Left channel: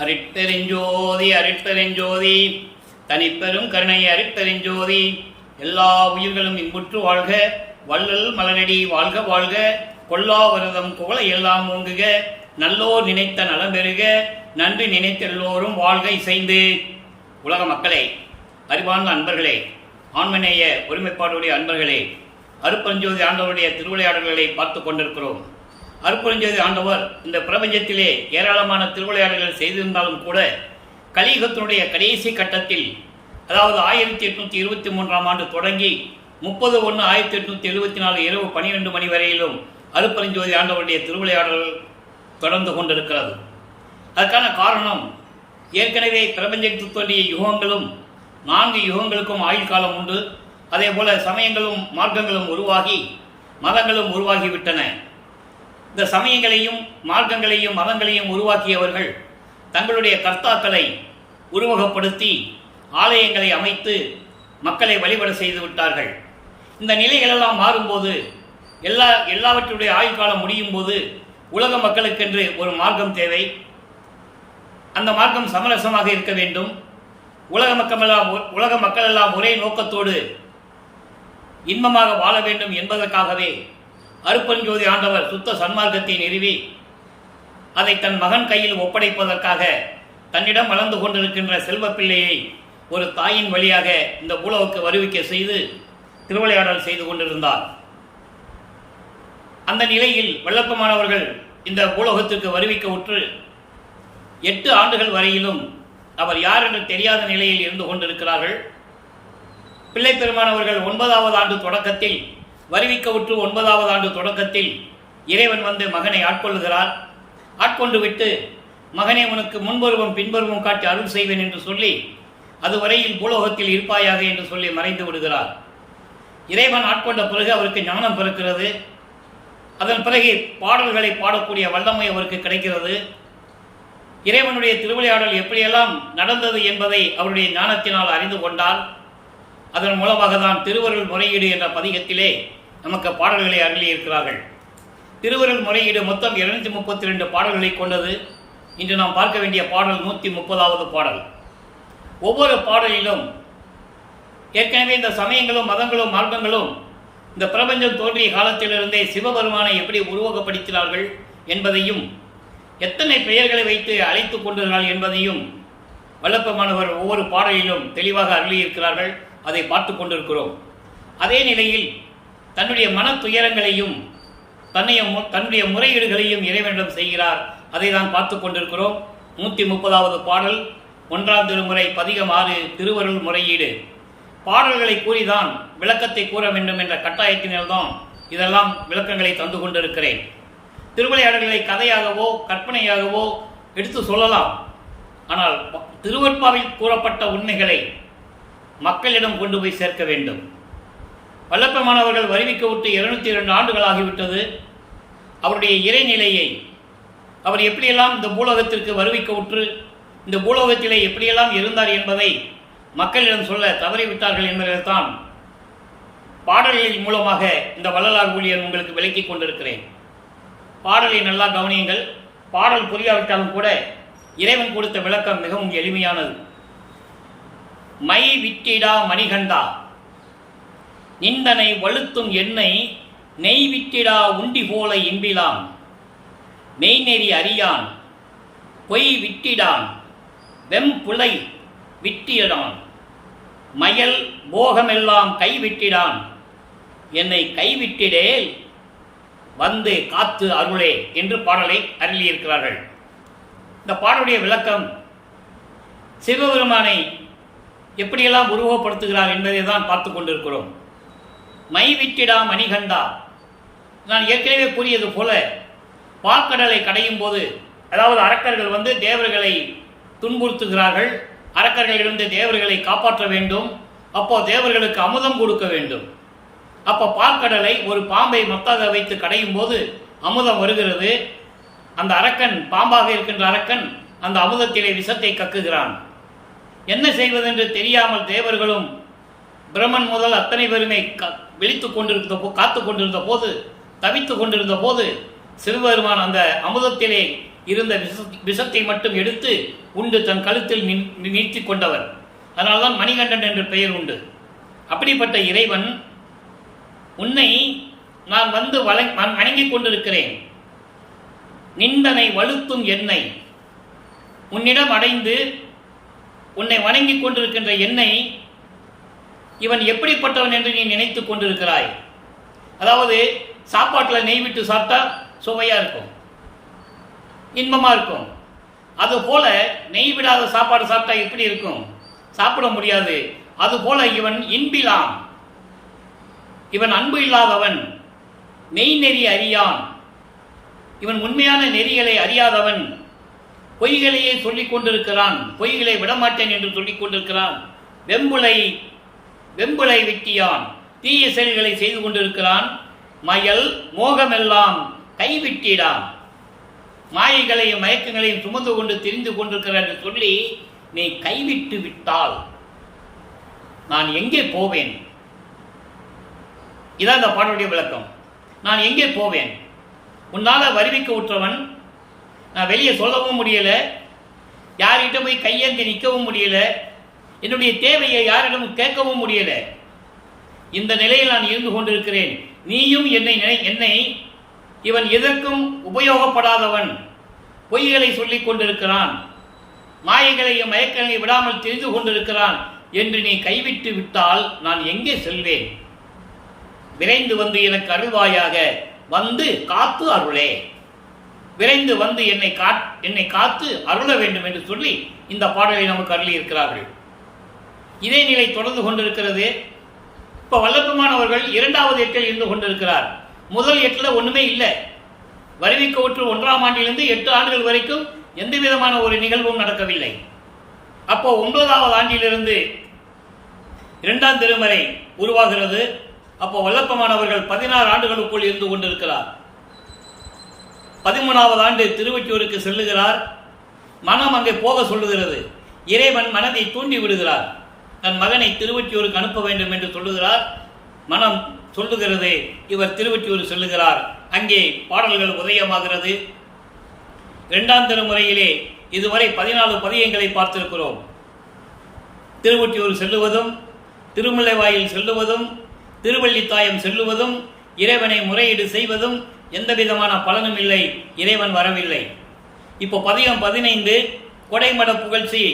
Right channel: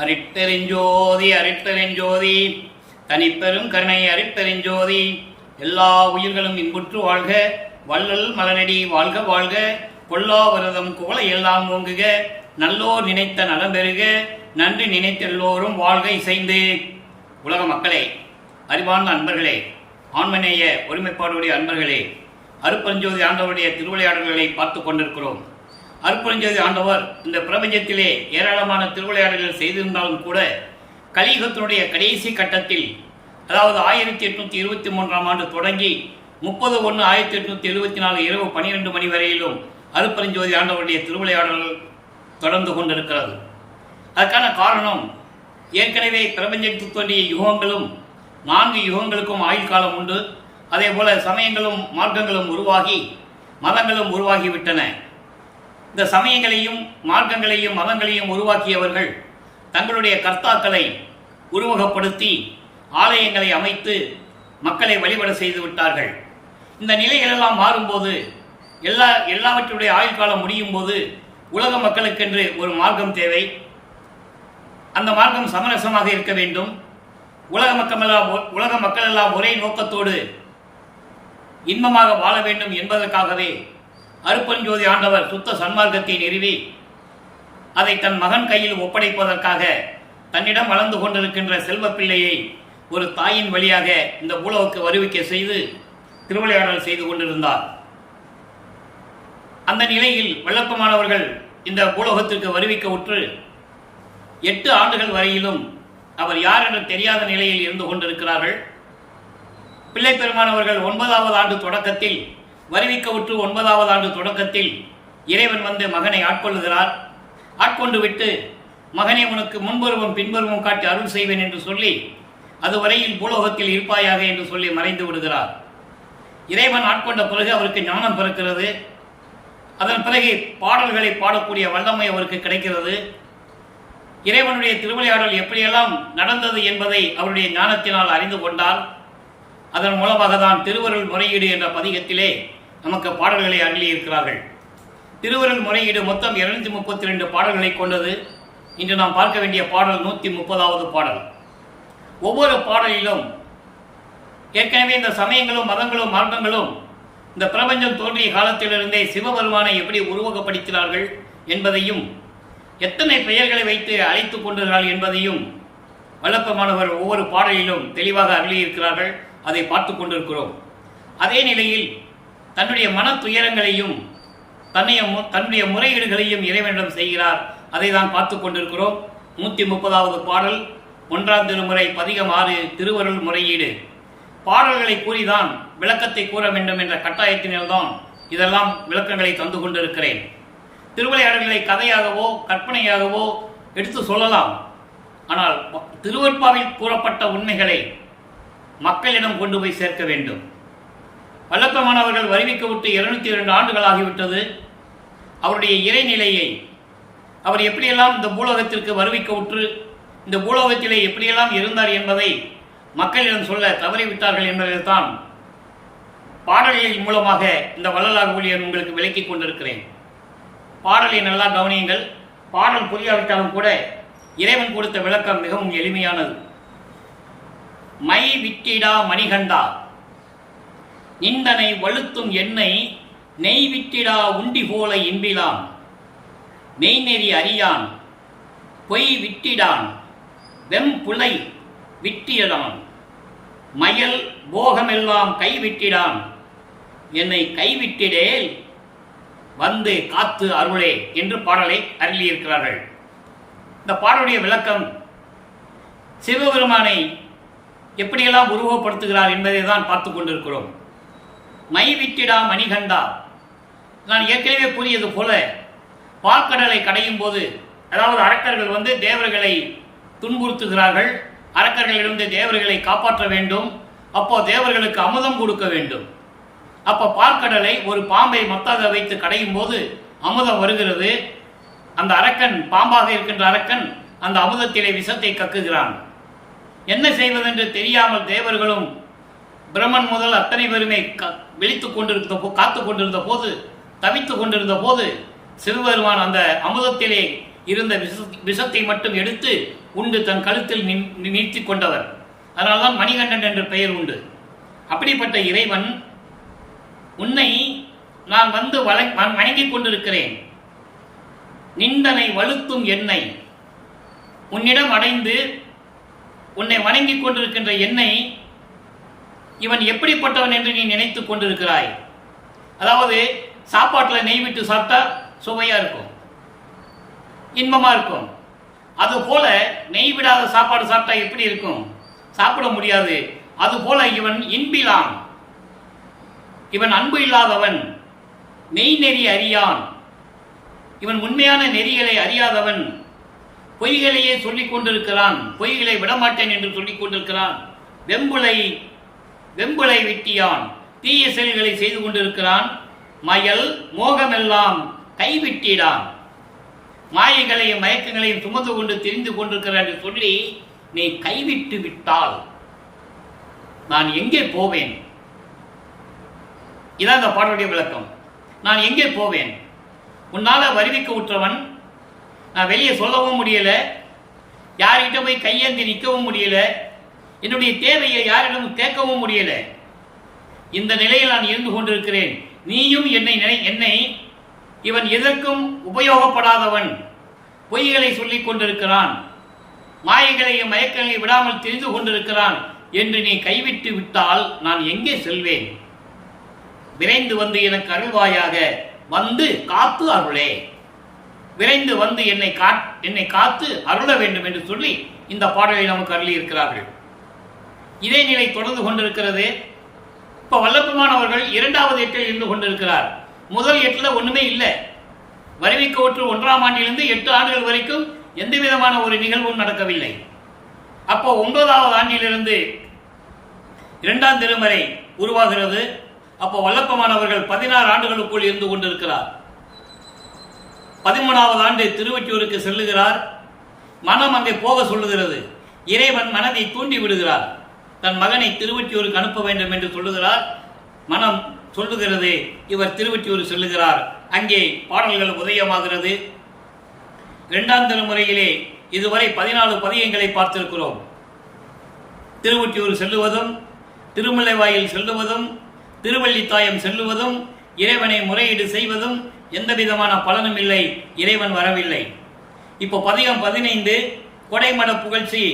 அருட்பெருஞ்சோதி அருட்பெருஞ்சோதி தனிப்பெரும் கருணை அருட்பெருஞ்சோதி. எல்லா உயிர்களும் இன்புற்று வாழ்க, வள்ளல் மலரடி வாழ்க வாழ்க, கொல்லாவிரதம் குவளை எல்லாம் ஓங்குக, நல்லோர் நினைத்த நலம் பெறுக, நன்றி நினைத்த எல்லோரும் வாழ்க இசைந்து. உலக மக்களே, அறிவார்ந்த அன்பர்களே, ஆண்மநேய ஒருமைப்பாடுடைய அன்பர்களே, அருட்பெருஞ்சோதி ஆண்டவருடைய திருவிளையாடல்களை பார்த்து கொண்டிருக்கிறோம். அருட்பெருஞ்சோதி ஆண்டவர் இந்த பிரபஞ்சத்திலே ஏராளமான திருவிளையாடல்கள் செய்திருந்தாலும் கூட கலியுகத்தினுடைய கடைசி கட்டத்தில், அதாவது 1823ஆம் ஆண்டு தொடங்கி 30/1/1874 இரவு 12 மணி வரையிலும் அருட்பெருஞ்சோதி ஆண்டவருடைய திருவிளையாடல்கள் தொடர்ந்து கொண்டிருக்கிறது. அதற்கான காரணம், ஏற்கனவே பிரபஞ்சத்துக்கு தோன்றிய யுகங்களும் 4 யுகங்களுக்கும் ஆயுள் காலம் உண்டு. அதே போல சமயங்களும் மார்க்கங்களும் உருவாகி மதங்களும் உருவாகிவிட்டன. இந்த சமயங்களையும் மார்க்கங்களையும் மதங்களையும் உருவாக்கியவர்கள் தங்களுடைய கர்த்தாக்களை உருவகப்படுத்தி ஆலயங்களை அமைத்து மக்களை வழிபட செய்து விட்டார்கள். இந்த நிலைகளெல்லாம் மாறும்போது, எல்லாவற்றுடைய ஆயுள் காலம் முடியும் போது உலக மக்களுக்கென்று ஒரு மார்க்கம் தேவை. அந்த மார்க்கம் சமரசமாக இருக்க வேண்டும். உலக மக்கள் எல்லாம் ஒரே நோக்கத்தோடு இன்பமாக வாழ வேண்டும் என்பதற்காகவே அருட்பெருஞ்சோதி ஆண்டவர் சுத்த சன்மார்க்கத்தை நிறுவி அதை தன் மகன் கையில் ஒப்படைப்பதற்காக தன்னிடம் வளர்ந்து கொண்டிருக்கின்ற செல்வ பிள்ளையை ஒரு தாயின் வழியாக இந்த பூலோகக்கு வருவிக்க செய்து திருவிளையாடல் செய்து கொண்டிருந்தார். அந்த நிலையில் வல்லப்பமானவர்கள் இந்த பூலோகத்திற்கு வருவிக்க உற்று 8 ஆண்டுகள் வரையிலும் அவர் யார் என்று தெரியாத நிலையில் இருந்து கொண்டிருக்கிறார்கள். பிள்ளை பெருமானவர்கள் 9வது ஆண்டு தொடக்கத்தில், வருவிக்க உற்று 9வது ஆண்டு தொடக்கத்தில் இறைவன் வந்து மகனை ஆட்கொள்ளுகிறார். ஆட்கொண்டு விட்டு, மகனே உனக்கு முன்பருவம் பின்பருவம் காட்டி அருள் செய்வேன் என்று சொல்லி, அதுவரையில் பூலோகத்தில் இருப்பாயாக என்று சொல்லி மறைந்து விடுகிறார். இறைவன் ஆட்கொண்ட பிறகு அவருக்கு ஞானம் பிறக்கிறது. அதன் பிறகு பாடல்களை பாடக்கூடிய வல்லமை அவருக்கு கிடைக்கிறது. இறைவனுடைய திருவிளையாடல் எப்படியெல்லாம் நடந்தது என்பதை அவருடைய ஞானத்தினால் அறிந்து கொண்டால், அதன் மூலமாக தான் திருவருள் முறையீடு என்ற பதிகத்திலே நமக்கு பாடல்களை அருளியிருக்கிறார்கள். திருவருள் முறையீடு மொத்தம் 232 பாடல்களை கொண்டது. இன்று நாம் பார்க்க வேண்டிய பாடல் 130வது பாடல். ஒவ்வொரு பாடலிலும் ஏற்கனவே இந்த சமயங்களும் மதங்களும் மார்க்கங்களும் இந்த பிரபஞ்சம் தோன்றிய காலத்திலிருந்தே சிவபெருமானை எப்படி உருவகப்படுத்தினார்கள் என்பதையும், எத்தனை பெயர்களை வைத்து அழைத்து கொண்டிருக்கிறார்கள் என்பதையும் வல்லப்பமானவர் ஒவ்வொரு பாடலிலும் தெளிவாக அருளியிருக்கிறார்கள். அதை பார்த்து கொண்டிருக்கிறோம். அதே நிலையில் தன்னுடைய மன துயரங்களையும் தன்னுடைய முறையீடுகளையும் இறைவனிடம் செய்கிறார். அதை தான் பார்த்து கொண்டிருக்கிறோம். 130வது பாடல், 1ஆம் திருமுறை, பதிகம் 6, திருவருள் முறையீடு. பாடல்களை கூறிதான் விளக்கத்தை கூற வேண்டும் என்ற கட்டாயத்தினால்தான் இதெல்லாம் விளக்கங்களை தந்து கொண்டிருக்கிறேன். திருவிளையாடல்களை கதையாகவோ கற்பனையாகவோ எடுத்து சொல்லலாம். ஆனால் திருவருட்பாவில் கூறப்பட்ட உண்மைகளை மக்களிடம் கொண்டு போய் சேர்க்க வேண்டும். வல்லப்பமானவர்கள் வருவிக்க விட்டு 202 ஆண்டுகள் ஆகிவிட்டது. அவருடைய இறைநிலையை, அவர் எப்படியெல்லாம் இந்த பூலோகத்திற்கு வருவிக்க உற்று இந்த பூலோகத்திலே எப்படியெல்லாம் இருந்தார் என்பதை மக்களிடம் சொல்ல தவறிவிட்டார்கள் என்பதில்தான் பாடல்களின் மூலமாக இந்த வள்ளலார் ஊழியர் உங்களுக்கு விளக்கி கொண்டிருக்கிறேன். பாடலை நல்லா கவனியுங்கள். பாடல் புரியாவிட்டாலும் கூட இறைவன் கொடுத்த விளக்கம் மிகவும் எளிமையானது. மை விட்டிடா மணிகண்டா, நிந்தனை வழுத்தும் எண்ணெய் நெய் விட்டிடா உண்டி போல இன்பிலான், மெய்நெறி அறியான் பொய் விட்டிடான் வெம்புலை விட்டிடான், மயல் போகமெல்லாம் கைவிட்டிடான், என்னை கைவிட்டிடேல் வந்து காத்து அருளே என்று பாடலை அருளியிருக்கிறார்கள். இந்த பாடலுடைய விளக்கம் சிவபெருமானை எப்படியெல்லாம் உருவப்படுத்துகிறார் என்பதை தான் பார்த்து கொண்டிருக்கிறோம். மை விட்டிடா மணிகண்டா, நான் ஏற்கனவே கூறியது போல பால்கடலை கடையும் போது, அதாவது அரக்கர்கள் வந்து தேவர்களை துன்புறுத்துகிறார்கள். அரக்கர்களிலிருந்து தேவர்களை காப்பாற்ற வேண்டும். அப்போ தேவர்களுக்கு அமுதம் கொடுக்க வேண்டும். அப்போ பால்கடலை ஒரு பாம்பை மத்தாக வைத்து கடையும் போது அமுதம் வருகிறது. அந்த அரக்கன், பாம்பாக இருக்கின்ற அரக்கன், அந்த அமுதத்திலே விஷத்தை கக்குகிறான். என்ன செய்வதென்று தெரியாமல் தேவர்களும் பிரம்மன் முதல் அத்தனை பேருமே காத்து கொண்டிருந்த போது, தவித்து கொண்டிருந்த போது, சிவபெருமான் அந்த அமுதத்திலே இருந்த விஷத்தை மட்டும் எடுத்து உண்டு தன் கழுத்தில் நீர்த்தி கொண்டவர். அதனால்தான் மணிகண்டன் என்ற பெயர் உண்டு. அப்படிப்பட்ட இறைவன், உன்னை நான் வந்து வணங்கிக் கொண்டிருக்கிறேன், நிந்தனை வலுத்தும் என்னை உன்னிடம் அடைந்து உன்னை வணங்கிக் கொண்டிருக்கின்ற என்னை இவன் எப்படிப்பட்டவன் என்று நீ நினைத்துக் கொண்டிருக்கிறாய். அதாவது சாப்பாட்டில் நெய் விட்டு சாப்பிட்டா சுவையா இருக்கும், இன்பமா இருக்கும். அதுபோல நெய் விடாத சாப்பாடு சாப்பிட்டா எப்படி இருக்கும்? சாப்பிட முடியாது. அதுபோல இவன் இன்பிலான், இவன் அன்பு இல்லாதவன், மெய் நெறி அறியான், இவன் உண்மையான நெறிகளை அறியாதவன், பொய்களையே சொல்லிக் கொண்டிருக்கிறான், பொய்களை விடமாட்டேன் என்று சொல்லிக் கொண்டிருக்கிறான், வெம்புளை வெட்டியான், தீய செயல்களை செய்து கொண்டிருக்கிறான், மயல் மோகமெல்லாம் கைவிட்டிடான், மாயைகளையும் மயக்கங்களையும் சுமந்து கொண்டு தெரிந்து கொண்டிருக்கிறான் என்று சொல்லி நீ கைவிட்டு விட்டால் நான் எங்கே போவேன்? இதான் இந்த பாடலுடைய விளக்கம். நான் எங்கே போவேன்? உன்னால வருவிக்க உற்றவன், நான் வெளியே சொல்லவும் முடியல, யார்கிட்ட போய் கையேந்தி நிற்கவும் முடியல, என்னுடைய தேவையை யாரிடம் கேட்கவும் முடியல. இந்த நிலையில் நான் இருந்து கொண்டிருக்கிறேன். நீயும் என்னை இவன் எதற்கும் உபயோகப்படாதவன், பொய்களை சொல்லிக் கொண்டிருக்கிறான், மாயைகளையும் மயக்கங்களையும் விடாமல் தெரிந்து கொண்டிருக்கிறான் என்று நீ கைவிட்டு விட்டால் நான் எங்கே செல்வேன்? விரைந்து வந்து எனக்கு அருள்வாயாக, வந்து காத்து அருளே, விரைந்து வந்து என்னை காத்து அருள வேண்டும் என்று சொல்லி இந்த பாடலை நமக்கு அருளி இருக்கிறார்கள். இதே நிலை தொடர்ந்து கொண்டிருக்கிறது. இப்ப வல்லபெருமானவர்கள் இரண்டாவது எட்டில் இருந்து கொண்டிருக்கிறார். முதல் எட்டில் ஒண்ணுமே இல்லை. வருவிக்க ஒற்று 1ஆம் ஆண்டிலிருந்து 8 ஆண்டுகள் வரைக்கும் எந்த விதமான ஒரு நிகழ்வும் நடக்கவில்லை. அப்போ 9வது ஆண்டிலிருந்து 2ஆம் திருமறை உருவாகிறது. அப்போ வல்லபெருமானவர்கள் 16 ஆண்டுகளுக்குள் இருந்து கொண்டிருக்கிறார். 13வது ஆண்டு திருவொற்றியூருக்கு செல்லுகிறார். மனம் அங்கே போக சொல்லுகிறது. இறைவன் மனதை தூண்டி விடுகிறார். தன் மகனை திருவொற்றியூருக்கு அனுப்ப வேண்டும் என்று சொல்லுகிறார். மனம் சொல்லுகிறது. இவர் திருவொற்றியூர் செல்லுகிறார். அங்கே பாடல்கள் உதயமாகிறது. 2ஆம் திருமுறையிலே இதுவரை 14 பதியங்களை பார்த்திருக்கிறோம். திருவொற்றியூர் செல்லுவதும், திருமுல்லைவாயில் செல்லுவதும், திருவள்ளித்தாயம் செல்லுவதும், இறைவனை முறையீடு செய்வதும் எந்த விதமான பலனும் இல்லை. இறைவன் வரவில்லை. இப்போ பதிகம் 15 கொடைமட புகழ்ச்சி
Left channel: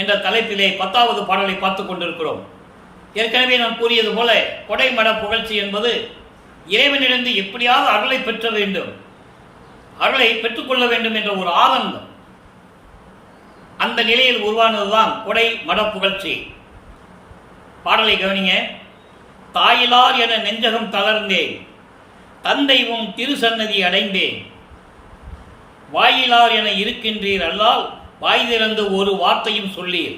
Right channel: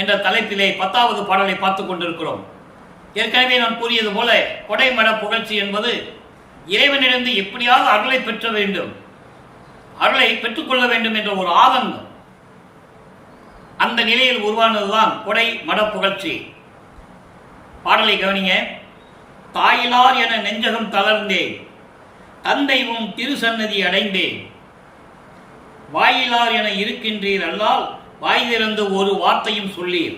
என்ற தலைப்பிலே 10வது பாடலை பார்த்துக் கொண்டிருக்கிறோம். ஏற்கனவே நான் கூறியது போல கொடைமட புகழ்ச்சி என்பது இறைவனிடந்து எப்படியாவது அருளை பெற்ற வேண்டும், அருளை பெற்றுக்கொள்ள வேண்டும் என்ற ஒரு ஆனந்தம், அந்த நிலையில் உருவானதுதான் கொடை மட புகழ்ச்சி. பாடலை கவனிங்க. தாயிலார் என நெஞ்சகம் தளர்ந்தேன், தந்தைவும் திருசன்னதி அடைந்தேன், வாயிலார் என இருக்கின்றீர் அல்லால் வாய் திறந்து ஒரு வார்த்தையும் சொல்லீர்,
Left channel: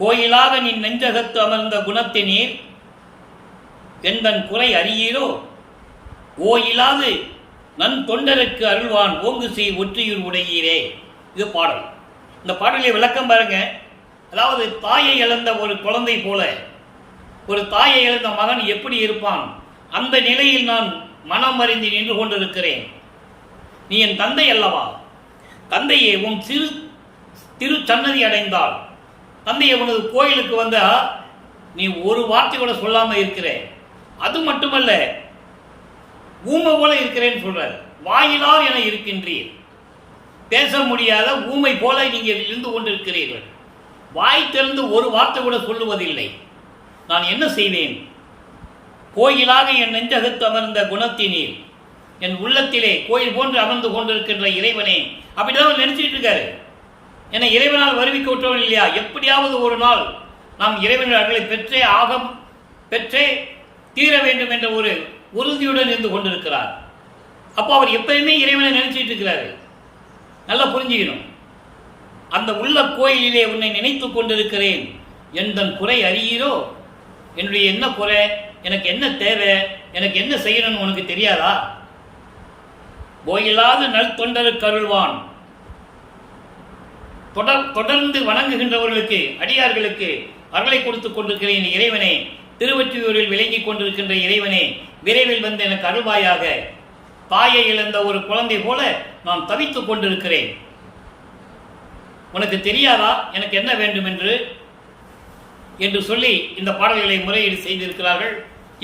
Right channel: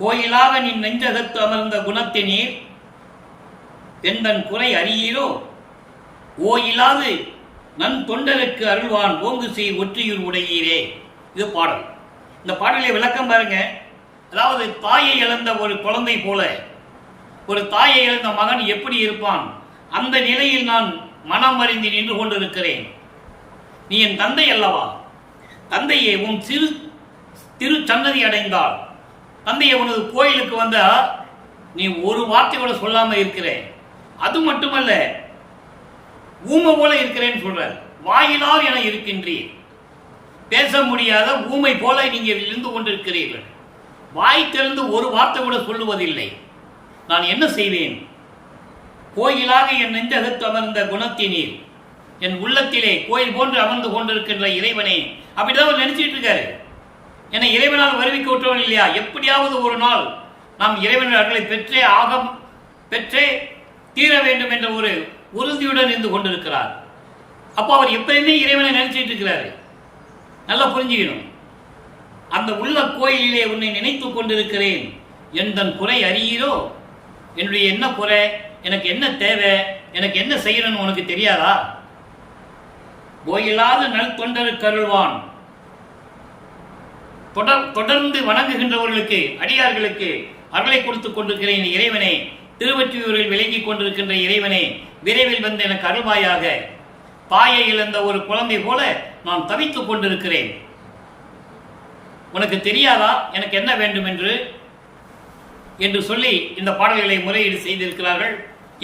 கோயிலாக நின் நெஞ்சகத்து அமர்ந்த குணத்தினீர், எந்தன் குறை அறியீரோ, ஓயிலாது நன் தொண்டருக்கு அருள்வான் ஓங்கு செய் ஒற்றியூர் உடையீரே. இது பாடல். இந்த பாடலை விளக்கம் பாருங்க. அதாவது தாயை இழந்த ஒரு குழந்தை போல, ஒரு தாயை இழந்த மகன் எப்படி இருப்பான், அந்த நிலையில் நான் மனம் அறிந்து நின்று கொண்டிருக்கிறேன். நீ என் தந்தை அல்லவா, தந்தையே உன் திரு சன்னதி அடைந்தால், தந்தையை உனது கோயிலுக்கு வந்தா நீ ஒரு வார்த்தை கூட சொல்லாம இருக்கிறேன். அது மட்டுமல்ல, ஊமை போல இருக்கிறேன்னு சொல்ற, வாயிலார் என இருக்கின்றீர், பேச முடியாத ஊமை போல நீங்க இருந்து கொண்டிருக்கிறீர்கள், வாய் திறந்து ஒரு வார்த்தை கூட சொல்லுவதில்லை. நான் என்ன செய்வேன்? கோயிலாக என் நெஞ்சகத்து அமர்ந்த குணத்தினீர், என் உள்ளத்திலே கோயில் போன்று அமர்ந்து கொண்டிருக்கின்ற இறைவனே. அப்படிதான் அவர் நினைச்சிட்டு இருக்காரு. என்னை இறைவனால் வருவிக்க விட்டவன் இல்லையா, எப்படியாவது ஒரு நாள் நாம் இறைவன் அருளை பெற்றே தீர வேண்டும் என்ற ஒரு உறுதியுடன் இருந்து கொண்டிருக்கிறார். அப்போ அவர் எப்பயுமே இறைவனை நினைச்சிட்டு இருக்கிறாரு. நல்லா புரிஞ்சுக்கணும். அந்த உள்ள கோயிலிலே உன்னை நினைத்துக் கொண்டிருக்கிறேன், எந்தன் குறை அறியீரோ, என்னுடைய என்ன குறை, எனக்கு என்ன தேவை, எனக்கு என்ன செய்யணும்னு உனக்கு தெரியாதா? கோயிலாது நல் தொண்டருக்கு அருள்வான், தொடர்ந்து வணங்குகின்றவர்களுக்கு அடியார்களுக்கு அருளை கொடுத்துக் கொண்டிருக்கிறேன் இறைவனே, திருவொற்றியூரில் விளங்கிக் கொண்டிருக்கின்ற இறைவனே, விரைவில் வந்து எனக்கு அருள்வாயாக. தாயை இழந்த ஒரு குழந்தை போல நான் தவித்துக் கொண்டிருக்கிறேன். உனக்கு தெரியாதா எனக்கு என்ன வேண்டும் என்று சொல்லி இந்த பாடல்களை முறையீடு செய்திருக்கிறார்கள்.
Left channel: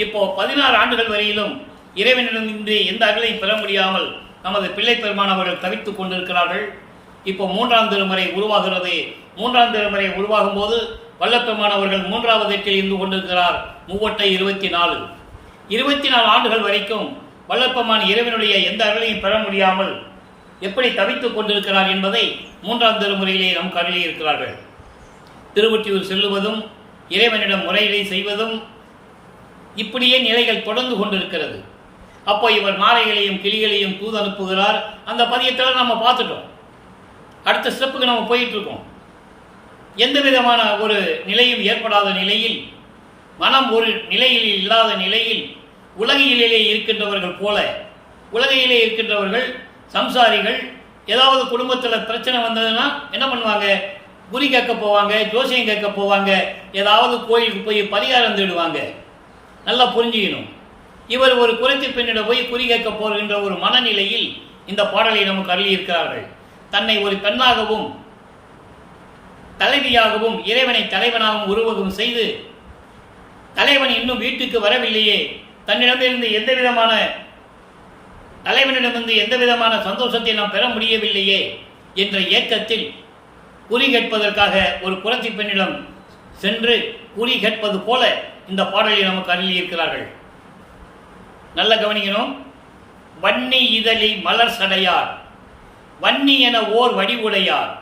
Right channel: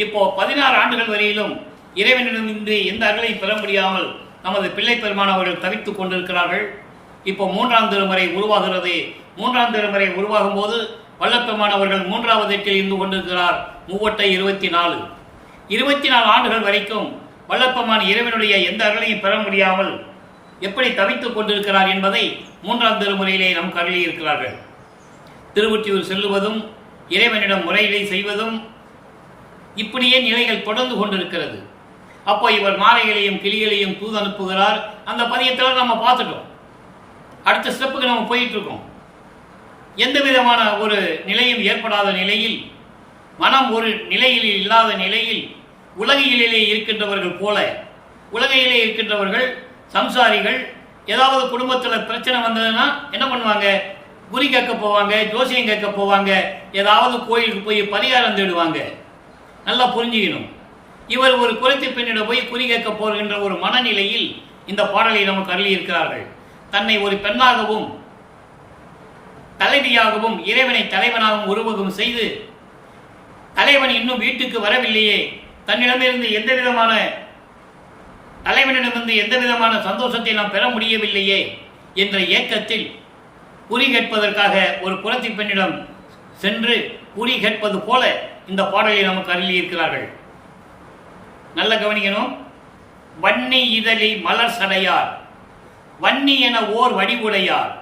இப்போ 16 ஆண்டுகள் வரையிலும் இறைவனிடமின்றி எந்த அருளை பெற முடியாமல் நமது பிள்ளை பெருமான் அவர்கள் தவித்துக் கொண்டிருக்கிறார்கள். இப்போ 3ஆம் திருமுறை உருவாகிறது. 3ஆம் திருமுறை உருவாகும் போது வல்லப்பெருமான் அவர்கள் 3வது எட்டில் இருந்து கொண்டிருக்கிறார். 3 24 ஆண்டுகள் வரைக்கும் வல்லப்பெருமான் இறைவனுடைய எந்த அருளையும் பெற முடியாமல் எப்படி தவித்துக் கொண்டிருக்கிறார் என்பதை 3ஆம் திருமுறையிலே நமக்கு அருளி இருக்கிறார்கள். திருவொற்றியூர் செல்லுவதும் இறைவனிடம் முறையீடு செய்வதும் இப்படியே நிலைகள் தொடர்ந்து கொண்டிருக்கிறது. அப்போ இவர் நாரைகளையும் கிளிகளையும் தூது அனுப்புகிறார். அந்த பதியத்தில் நம்ம பார்த்துட்டோம். அடுத்த ஸ்டெப்புக்கு நம்ம போயிட்டு இருக்கோம். எந்த விதமான ஒரு நிலையும் ஏற்படாத நிலையில், மனம் ஒரு நிலையில் இல்லாத நிலையில், உலகிலே இருக்கின்றவர்கள் போல, உலகிலே இருக்கின்றவர்கள் சம்சாரிகள் ஏதாவது குடும்பத்தில் பிரச்சனை வந்ததுன்னா என்ன பண்ணுவாங்க? குறி கேட்க போவாங்க, ஜோசியம் கேட்க போவாங்க, ஏதாவது கோயிலுக்கு போய் பரிகாரம் தேடுவாங்க. நல்லா புரிஞ்சுக்கணும். இவர் ஒரு குறைத்த பெண்ணிடம் போய் குறி கேட்க போகின்ற ஒரு மனநிலையில் இந்த பாடலை நமக்கு அருளி இருக்கிறார்கள். தன்னை ஒரு பெண்ணாகவும் தலைவியாகவும் இறைவனை தலைவனாகவும் உருவகம் செய்து, தலைவன் இன்னும் வீட்டுக்கு வரவில்லையே, தன்னிடமிருந்து தலைவனிடமிருந்து எந்த விதமான சந்தோஷத்தை நாம் பெற முடியவில்லையே என்ற ஏக்கத்தில் குறி கேட்பதற்காக ஒரு புரட்சி பெண்ணிடம் சென்று குறி கேட்பது போல இந்த பாடலை நமக்கு அருளி இருக்கிறார்கள். நல்ல கவனிக்கணும். வன்னி இதழி மலர் சடையார், வன்னி என ஓர் வடிவுடையார்,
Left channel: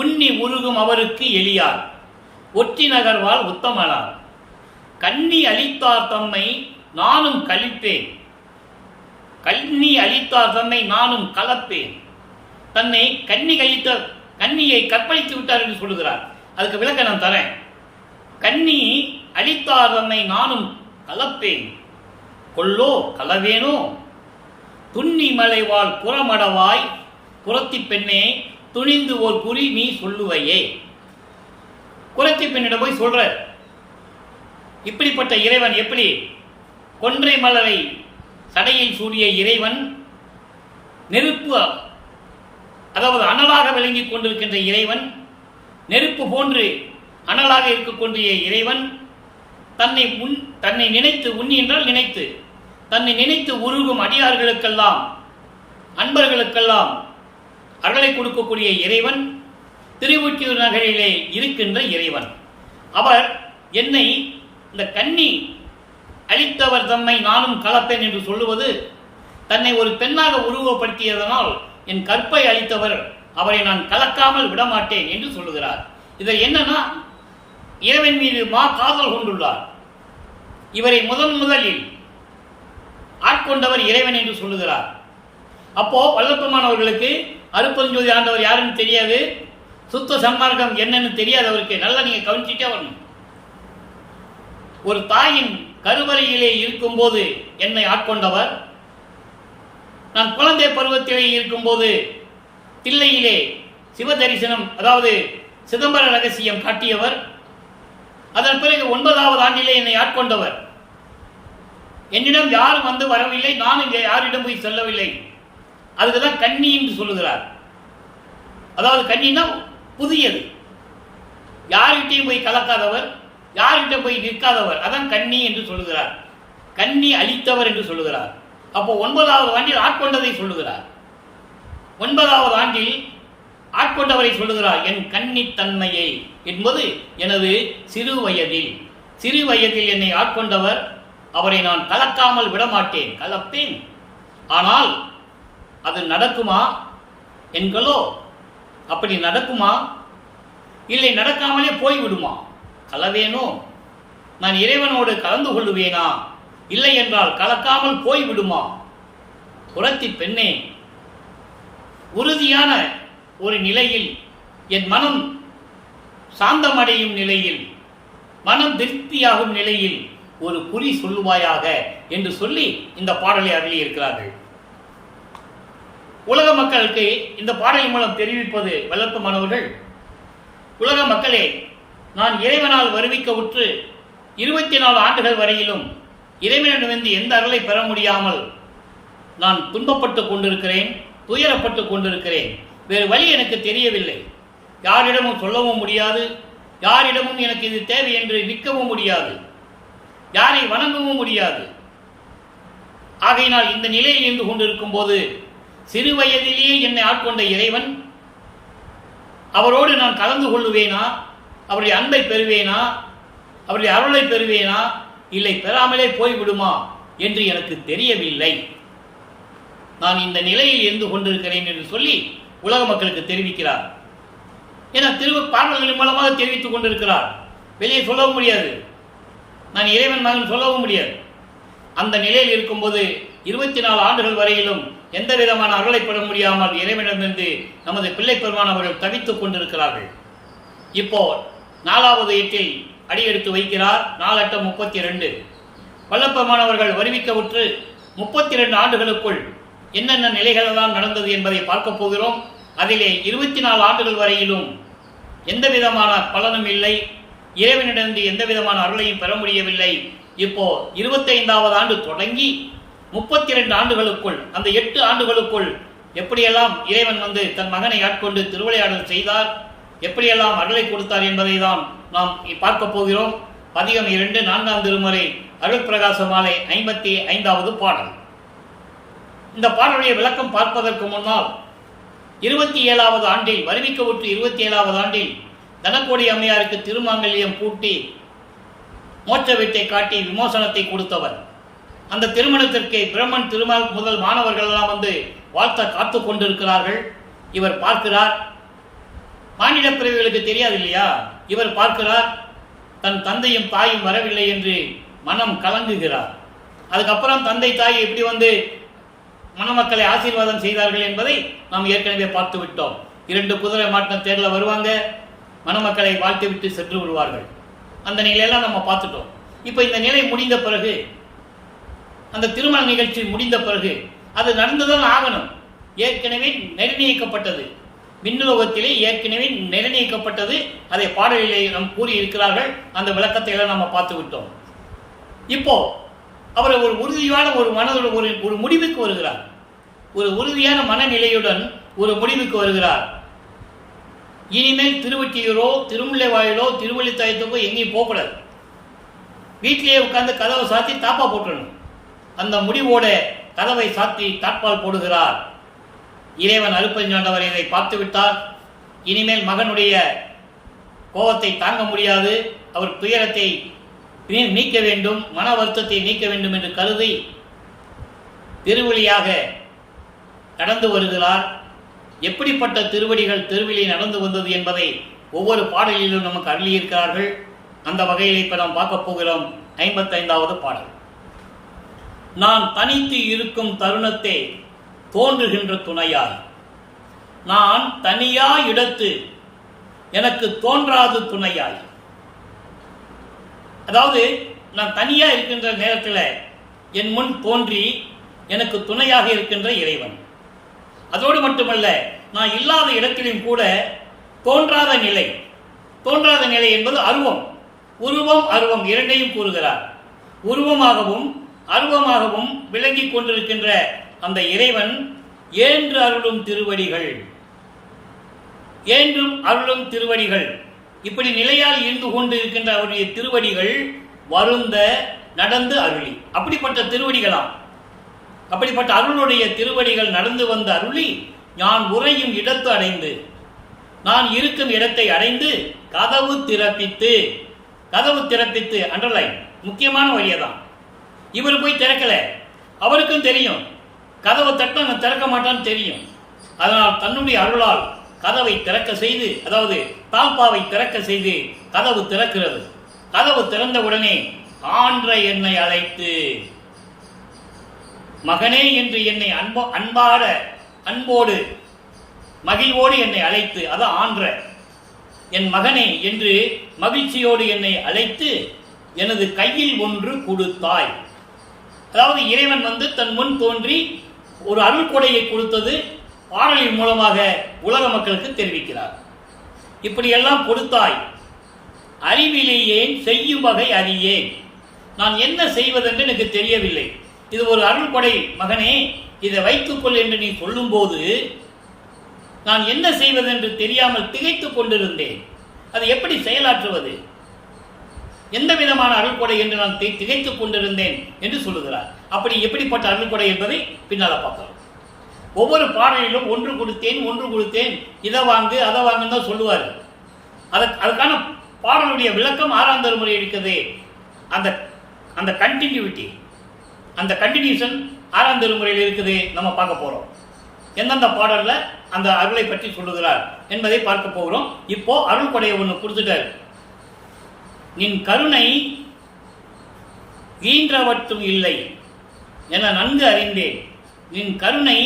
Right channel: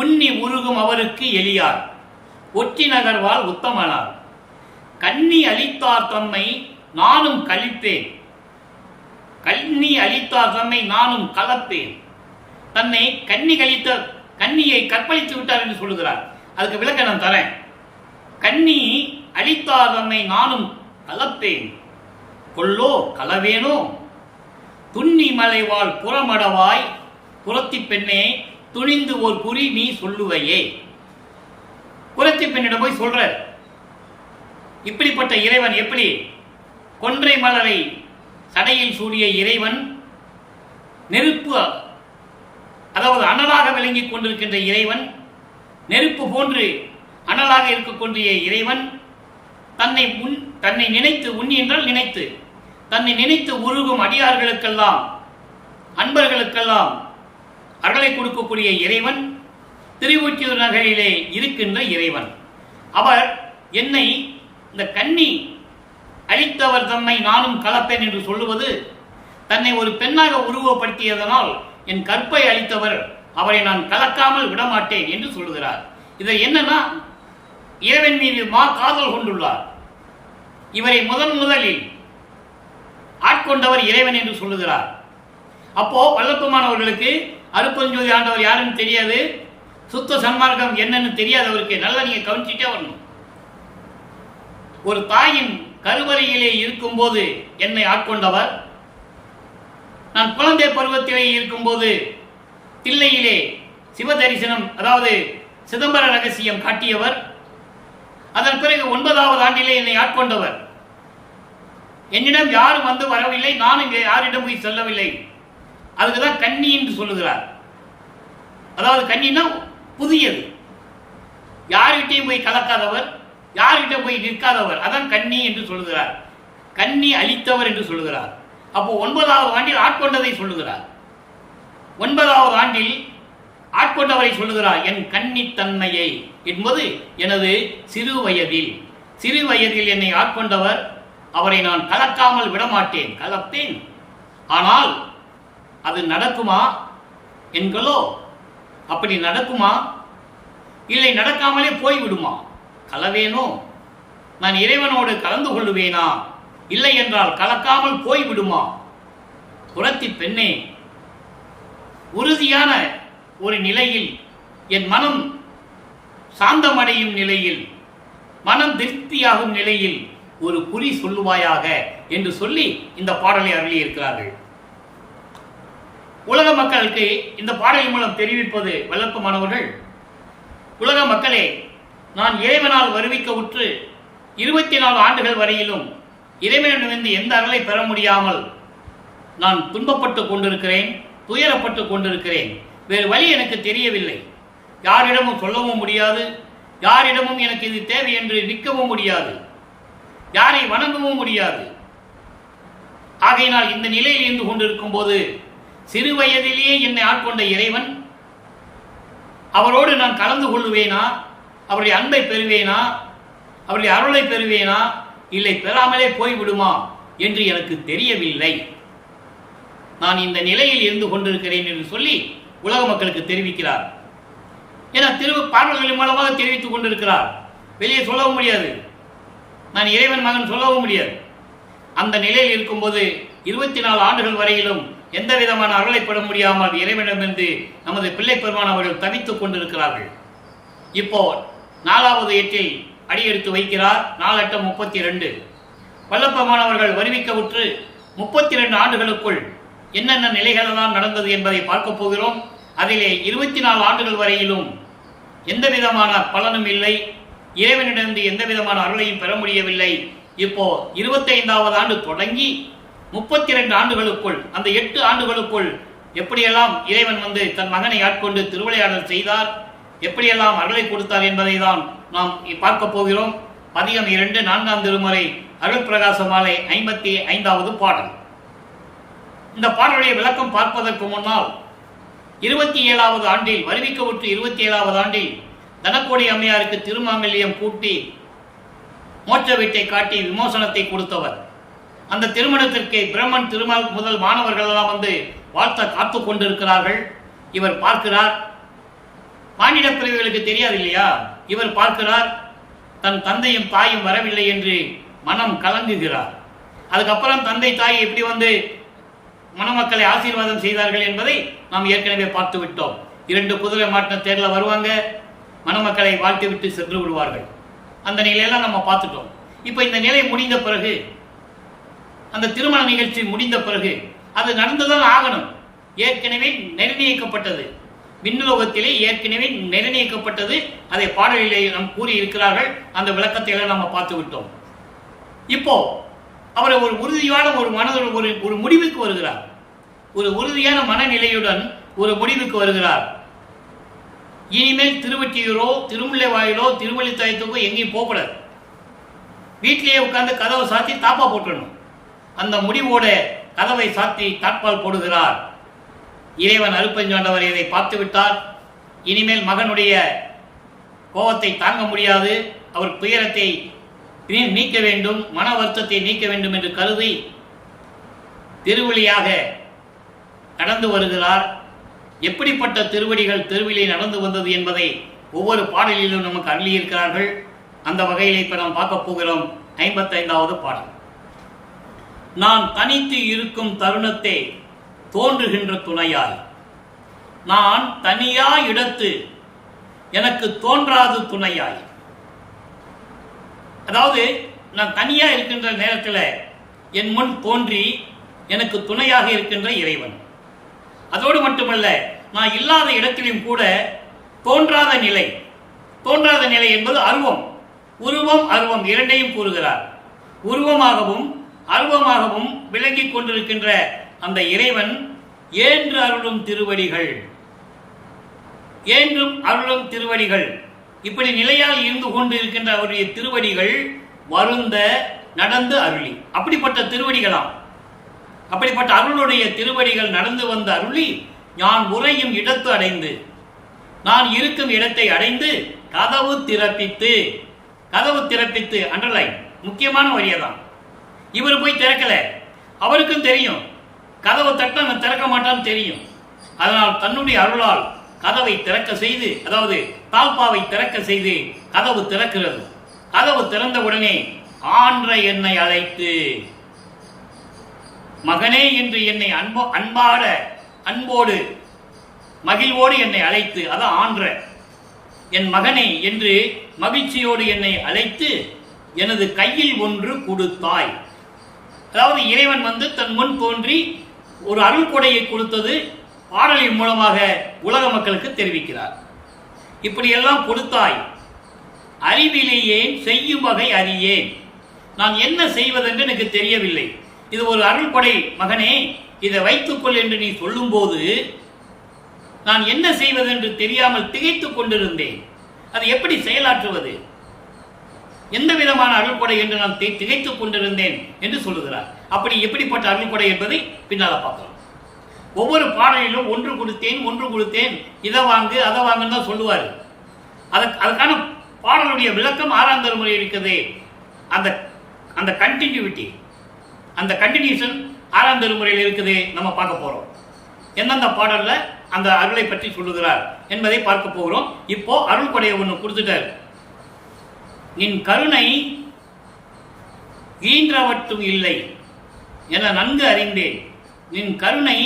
உன்னி உருகும் அவருக்கு எளியார், ஒற்றி நகர்வால் உத்தமனார், கன்னி அளித்தார் தம்மை நானும் கழிப்பேன், கன்னி அளித்தார் தம்மை நானும் கலப்பேன். தன்னை கன்னியை கற்பழித்து விட்டார் என்று சொல்லுகிறார். அதுக்கு விளக்க நான் தரேன். கன்னி அளித்தார் தம்மை நானும் கலப்பேன், கொல்லோ கலவேனோ, துண்ணி மலைவாள் புறமடவாய் புறத்தி பெண்ணே துணிந்து ஓர் குறி நீ சொல்லுவையே. குரத்தி பெண்ணிடம் போய் சொல்ற. இப்படிப்பட்ட இறைவன் எப்படி? கொன்றை மலரை சடையில் சூடிய இறைவன், நெருப்பு, அதாவது அனலாக விளங்கிக் கொண்டிருக்கின்ற இறைவன், நெருப்பு போன்று அனலாக இருக்கக்கூடிய இறைவன் தன்னை நினைத்து, உண்ணி என்றால் நினைத்து, தன்னை நினைத்து உருகும் அடியார்களுக்கெல்லாம், அன்பர்களுக்கெல்லாம் அருளை கொடுக்கக்கூடிய இறைவன், திருவொற்றியூர் நகரிலே இருக்கின்ற இறைவன். அவர் என்னை இந்த கன்னி அளித்தவர் தம்மை நானும் கலப்பேன் என்று சொல்லுவது, தன்னை ஒரு பெண்ணாக உருவப்படுத்தியதனால் என் கற்பை அளித்தவர், அவரை நான் கலக்காமல் விடமாட்டேன் என்று சொல்லுகிறார். இதை என்னன்னா, இறைவன் மீது காதல் கொண்டுள்ளார். இவரை முதலில் ஆட்கொண்டவர் இறைவன் என்று சொல்லுகிறார். அப்போ வல்லப்பெருமானவர்களுக்கு அருப்பெருஞ்சோதி ஆண்டவர் யாருன்னு தெரியாது, சுத்த சன்மார்க்கம் என்னன்னு தெரியாது அவருக்கு. நல்லா நீங்க கவனிச்சுட்டே வரணும். ஒரு தாயின் கருவறையிலே இருக்கும்போது என்னை ஆட்கொண்டவர், நான் குழந்தை பருவத்திலே இருக்கும்போது தில்லையிலே சிவதரிசனம், அதாவது சிதம்பர ரகசியம் காட்டியவர், அதன் பிறகு 9வது ஆண்டிலே என்னை ஆட்கொண்டவர். என்னிடம் யாரும் வந்து வரவில்லை, நான் இங்கே யாரிடம் போய் செல்லவில்லை. அதுக்குதான் கன்னி என்று சொல்லுகிறார். அதாவது கன்னினா புதியது, யார்கிட்டையும் போய் கலக்காதவர், யார்கிட்ட போய் நிற்காதவர், அதான் கன்னி என்று சொல்லுகிறார். கன்னி அளித்தவர் என்று சொல்லுகிறார். அப்போ 9வது ஆண்டில் ஆட்கொண்டதை சொல்லுகிறார். 9வது ஆண்டில் ஆட்கொண்டவரை சொல்லுகிறார். என் கன்னித்தன்மையை என்பது எனது சிறு வயதில் என்னை ஆட்கொண்டவர், அவரை நான் கலக்காமல் விடமாட்டேன், கலப்பேன். ஆனால் அது நடக்குமா என்களோ? அப்படி நடக்குமா? இல்லை நடக்காமலே போய்விடுமா? கலவேனோ? நான் இறைவனோடு கலந்து கொள்ளுவேனா? இல்லை என்றால் கலக்காமல் போய்விடுமா? புரத்தி பெண்ணே, உறுதியான ஒரு நிலையில், என் மனம் சாந்தமடையும் நிலையில், மனம் திருப்தியாகும் நிலையில் ஒரு குறி சொல்லுவாயாக என்று சொல்லி இந்த பாடலை அருளி இருக்கிறார்கள். உலக மக்களுக்கு இந்த பாடலின் மூலம் தெரிவிப்பது வல்லப்பெருமானவர்கள், உலக மக்களே, நான் இறைவனால் வருவிக்க உற்று 24 ஆண்டுகள் வரையிலும் இறைவனிடமிருந்து எந்த அருளை பெற முடியாமல் நான் துன்பப்பட்டு கொண்டிருக்கிறேன், துயரப்பட்டு கொண்டிருக்கிறேன். வேறு வழி எனக்கு தெரியவில்லை. யாரிடமும் சொல்லவும் முடியாது, யாரிடமும் எனக்கு இது தேவை என்று நிற்கவும் முடியாது, யாரை வணங்கவும் முடியாது. ஆகையினால் இந்த நிலையில் இருந்து கொண்டிருக்கும் போது சிறு வயதிலேயே என்னை ஆட்கொண்ட இறைவன், அவரோடு நான் கலந்து கொள்ளுவேனா, அவருடைய அன்பை பெறுவேனா, அவருடைய அருளை பெறுவேனா, இல்லை பெறாமலே போய்விடுமா என்று எனக்கு தெரியவில்லை. நான் இந்த நிலையில் இருந்து கொண்டிருக்கிறேன் என்று சொல்லி உலக மக்களுக்கு தெரிவிக்கிறார். ஏன்னா பாடல்களின் மூலமாக தெரிவித்துக் கொண்டிருக்கிறார். வெளியே சொல்லவும் முடியாது, நான் இறைவன் மகன் சொல்லவும் முடியாது. அந்த நிலையில் இருக்கும்போது 24 ஆண்டுகள் வரையிலும் எந்த விதமான அருளை பெற முடியாமல் இறைவனிடமிருந்து நமது பிள்ளை பெருமான் அவர்கள் தவித்துக் கொண்டிருக்கிறார்கள். இப்போ 4வது எட்டில் அடியெடுத்து வைக்கிறார். 4-8-32 வல்லப்பெருமான் அவர்கள் வருவிக்கவுற்று 32 ஆண்டுகளுக்குள் என்னென்ன நிலைகளெல்லாம் நடந்தது என்பதை பார்க்க போகிறோம். அதிலே 24 ஆண்டுகள் வரையிலும் எந்த விதமான பலனும் இல்லை, இறைவனிடமிருந்து எந்த விதமான அருளையும் பெற முடியவில்லை. இப்போ 25வது ஆண்டு தொடங்கி 32 ஆண்டுகளுக்குள், அந்த 8 ஆண்டுகளுக்குள் எப்படியெல்லாம் இறைவன் வந்து தன் மகனை ஆட்கொண்டு திருவிளையாடல் செய்தார், எப்படியெல்லாம் அருளை கொடுத்தார் என்பதை தான் நாம் பார்க்க போகிறோம். பதிகம் 2 4ஆம் திருமுறை அருள் பிரகாச மாலை 55வது பாடல். இந்த பாடலுடைய விளக்கம் பார்ப்பதற்கு முன்னால் 27வது ஆண்டில் வருவிக்கவுற்று 27வது ஆண்டில் தனக்கோடி அம்மையாருக்கு திருமாங்கல்யம் கூட்டி மோட்ச வீட்டை காட்டி விமோசனத்தை கொடுத்தவர். அந்த திருமணத்திற்கு பிரம்மன் திருமால் முதல் மாணவர்கள் எல்லாம் வந்து வாழ்த்த காத்து கொண்டிருக்கிறார்கள். இவர் பார்க்கிறார். மானிட பிறவிகளுக்கு தெரியாது இல்லையா? இவர் பார்க்கிறார், தன் தந்தையும் தாயும் வரவில்லை என்று மனம் கலங்குகிறார். அதுக்கப்புறம் தந்தை தாய் எப்படி வந்து மணமக்களை ஆசீர்வாதம் செய்தார்கள் என்பதை நாம் ஏற்கனவே பார்த்து விட்டோம். 2 குதிரை மாட்டின தேர்ல வருவாங்க, மணமக்களை வாழ்த்து விட்டு சென்று விடுவார்கள். அந்த நிலையெல்லாம் நம்ம பார்த்துட்டோம். இப்போ இந்த நிலை முடிந்த பிறகு, அந்த திருமண நிகழ்ச்சி முடிந்த பிறகு அது நடந்துதான் ஆகணும். ஏற்கனவே நிர்ணயிக்கப்பட்டது, விண்ணுலகத்திலே ஏற்கனவே நிர்ணயிக்கப்பட்டது. அதை பாடலிலே நாம் கூறி இருக்கிறார்கள். அந்த விளக்கத்தை எல்லாம் நம்ம பார்த்து விட்டோம். இப்போ அவர் ஒரு உறுதியான ஒரு முடிவுக்கு வருகிறார். ஒரு உறுதியான மனநிலையுடன் ஒரு முடிவுக்கு வருகிறார். இனிமேல் திருவொற்றியூரோ திருமுல்லைவாயிலோ திருவள்ளித்தாயத்துக்கோ எங்கேயும் போகக்கூடாது, வீட்டிலேயே உட்கார்ந்து கதவை சாத்தி தாப்பா போட்டுடணும். அந்த முடிவோட கதவை சாத்தி தாட்பால் போடுகிறார். இறைவன் அருப்பஞ்சாண்டவர் இதை பார்த்து விட்டார். இனிமேல் மகனுடைய கோபத்தை தாங்க முடியாது, அவர் துயரத்தை நீக்க வேண்டும், மன வருத்தத்தை நீக்க வேண்டும் என்று கருதி திருவழியாக நடந்து வருகிறார். எப்படிப்பட்ட திருவடிகள் திருவிழி நடந்து வந்தது என்பதை ஒவ்வொரு பாடலிலும் நமக்கு அருளியிருக்கிறார்கள். அந்த வகையில் இப்ப நாம் பார்க்க போகிறோம். 55வது பாடல். நான் தனித்து இருக்கும் தருணத்தை தோன்றுகின்ற துணையாய், நான் தனியா இடத்து எனக்கு தோன்றாது துணையாய். அதாவது நான் தனியா இருக்கின்ற நேரத்தில் என் முன் தோன்றி எனக்கு துணையாக இருக்கின்ற இறைவன். அதோடு மட்டுமல்ல, நான் இல்லாத இடத்திலும் கூட தோன்றாத நிலை. தோன்றாத நிலை என்பது அருவம், உருவம் அருவம் இரண்டையும் கூறுகிறார். உருவமாகவும் அருவமாகவும் விளங்கிக் கொண்டிருக்கின்ற அந்த இறைவன் ஏன்று அருளும் திருவடிகள், ஏன்றும் அருளும் திருவடிகள், இப்படி நிலையால் இருந்து கொண்டு இருக்கின்ற அவருடைய திருவடிகள் வருந்த நடந்து அருளி. அப்படிப்பட்ட திருவடிகளாம், அப்படிப்பட்ட அருளுடைய திருவடிகள் நடந்து வந்த அருளி நான் உறையும் இடத்து அடைந்து, நான் இருக்கும் இடத்தை அடைந்து கதவு திறப்பித்து. கதவு திறப்பித்து அண்டர்லைன், முக்கியமான வரியதான். இவர் போய் திறக்கல, அவருக்கும் தெரியும் கதவை தட்ட திறக்க மாட்டான்னு தெரியும். அதனால் தன்னுடைய அருளால் கதவை திறக்க செய்து, அதாவது தாழ்பாவை திறக்க செய்து கதவு திறக்கிறது. கதவு திறந்த உடனே ஆன்ற என்னை அழைத்து, மகனே என்று என்னை அன்பாட அன்போடு மகிழ்வோடு என்னை அழைத்து, அதான் ஆன்ற, என் மகனே என்று மகிழ்ச்சியோடு என்னை அழைத்து எனது கையில் ஒன்று கொடுத்தாய். அதாவது இறைவன் வந்து தன் முன் தோன்றி ஒரு அருள் கொடையை கொடுத்தது பாடலின் மூலமாக உலக மக்களுக்கு தெரிவிக்கிறார். இப்படியெல்லாம் கொடுத்தாய், அறிவிலேயேன் செய்யும் வகை அறியேன், நான் என்ன செய்வதென்று எனக்கு தெரியவில்லை. இது ஒரு அருள் கொடை மகனே, இதை வைத்துக்கொள் என்று நீ சொல்லும்போது நான் என்ன செய்வது என்று தெரியாமல் திகைத்துக் கொண்டிருந்தேன். அதை எப்படி செயலாற்றுவது, எந்த விதமான அருள்கொடை என்று நான் திகைத்துக் கொண்டிருந்தேன் என்று சொல்லுகிறார். அப்படி எப்படிப்பட்ட அருள்கொடை என்பதை பின்னால பார்க்கிறோம். ஒவ்வொரு பாடலிலும் ஒன்று கொடுத்தேன், இதை வாங்கு அதை வாங்குன்னு தான் சொல்லுவார். அதுக்கான பாடலுடைய விளக்கம் 6ஆம் திருமுறை இருக்குது. அந்த கண்டினியூட்டி, அந்த கண்டினியூஷன் 6ஆம் திருமுறையில் இருக்குது. நம்ம பார்க்க போறோம் எந்தெந்த பாடல்ல அந்த அருளை பற்றி சொல்லுகிறார் என்பதை பார்க்க போகிறோம். இப்போ அருள் கொடையை ஒன்று கொடுத்துட்டார். நின் கருணை ஈன்றவற்றும் இல்லை என நன்கு அறிந்தேன். நின் கருணை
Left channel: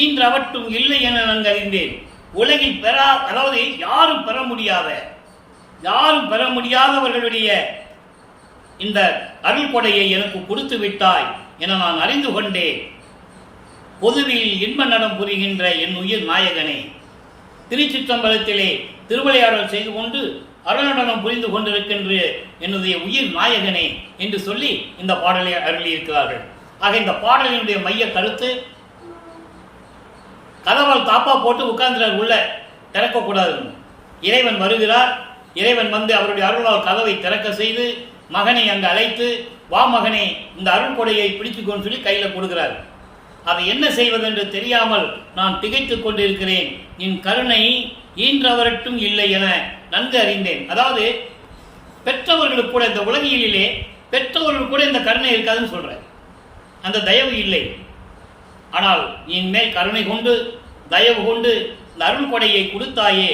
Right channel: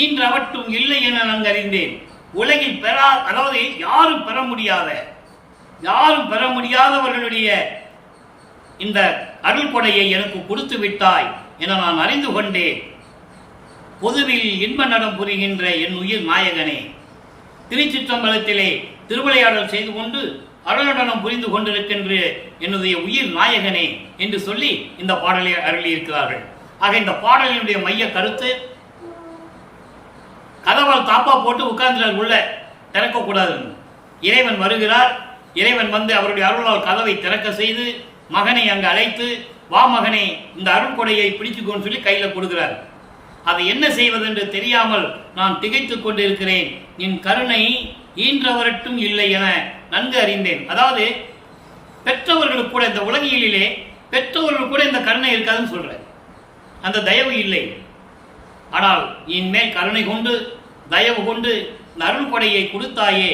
ஈன்றவற்றும் இல்லை என நன்கு அறிந்தேன். உலகில் அதாவது யாரும் பெற முடியாதவர்களுடைய இந்த அருள் கொடையை எனக்கு கொடுத்து விட்டாய் என நான் அறிந்து கொண்டேன். பொதுவில் இன்ப நடம் புரிகின்ற என் உயிர் நாயகனே, திருச்சிற்றம்பலத்திலே திருவிளையாடல் செய்து கொண்டு அருளடனம் புரிந்து கொண்டிருக்கின்ற என்னுடைய உயிர் நாயகனே என்று சொல்லி இந்த பாடலை அருளியிருக்கிறார்கள். ஆக இந்த பாடலினுடைய மைய கருத்து, கதவால் தாப்பா போட்டு உட்கார்ந்துறார், உள்ள திறக்கக்கூடாது. இறைவன் வருகிறார். இறைவன் வந்து அவருடைய அருளால் கதவை திறக்க செய்து மகனை அங்கு அழைத்து, வா மகனை, இந்த அருள் கொடையை பிடிச்சுக்கொண்டு சொல்லி கையில கொடுக்கிறார். அதை என்ன செய்வதென்று தெரியாமல் நான் திகைத்துக் கொண்டிருக்கிறேன். நின் கருணை ஈன்றவரட்டும் இல்லை என நன்கு அறிந்தேன். அதாவது பெற்றவர்களுக்கு கூட, இந்த உலகியலிலே பெற்றவர்கள் கூட இந்த கருணை இருக்காதுன்னு சொல்ற, அந்த தயவு இல்லை. ஆனால் என் மேல் கருணை கொண்டு தயவு கொண்டு இந்த அருள் கொடையை கொடுத்தாயே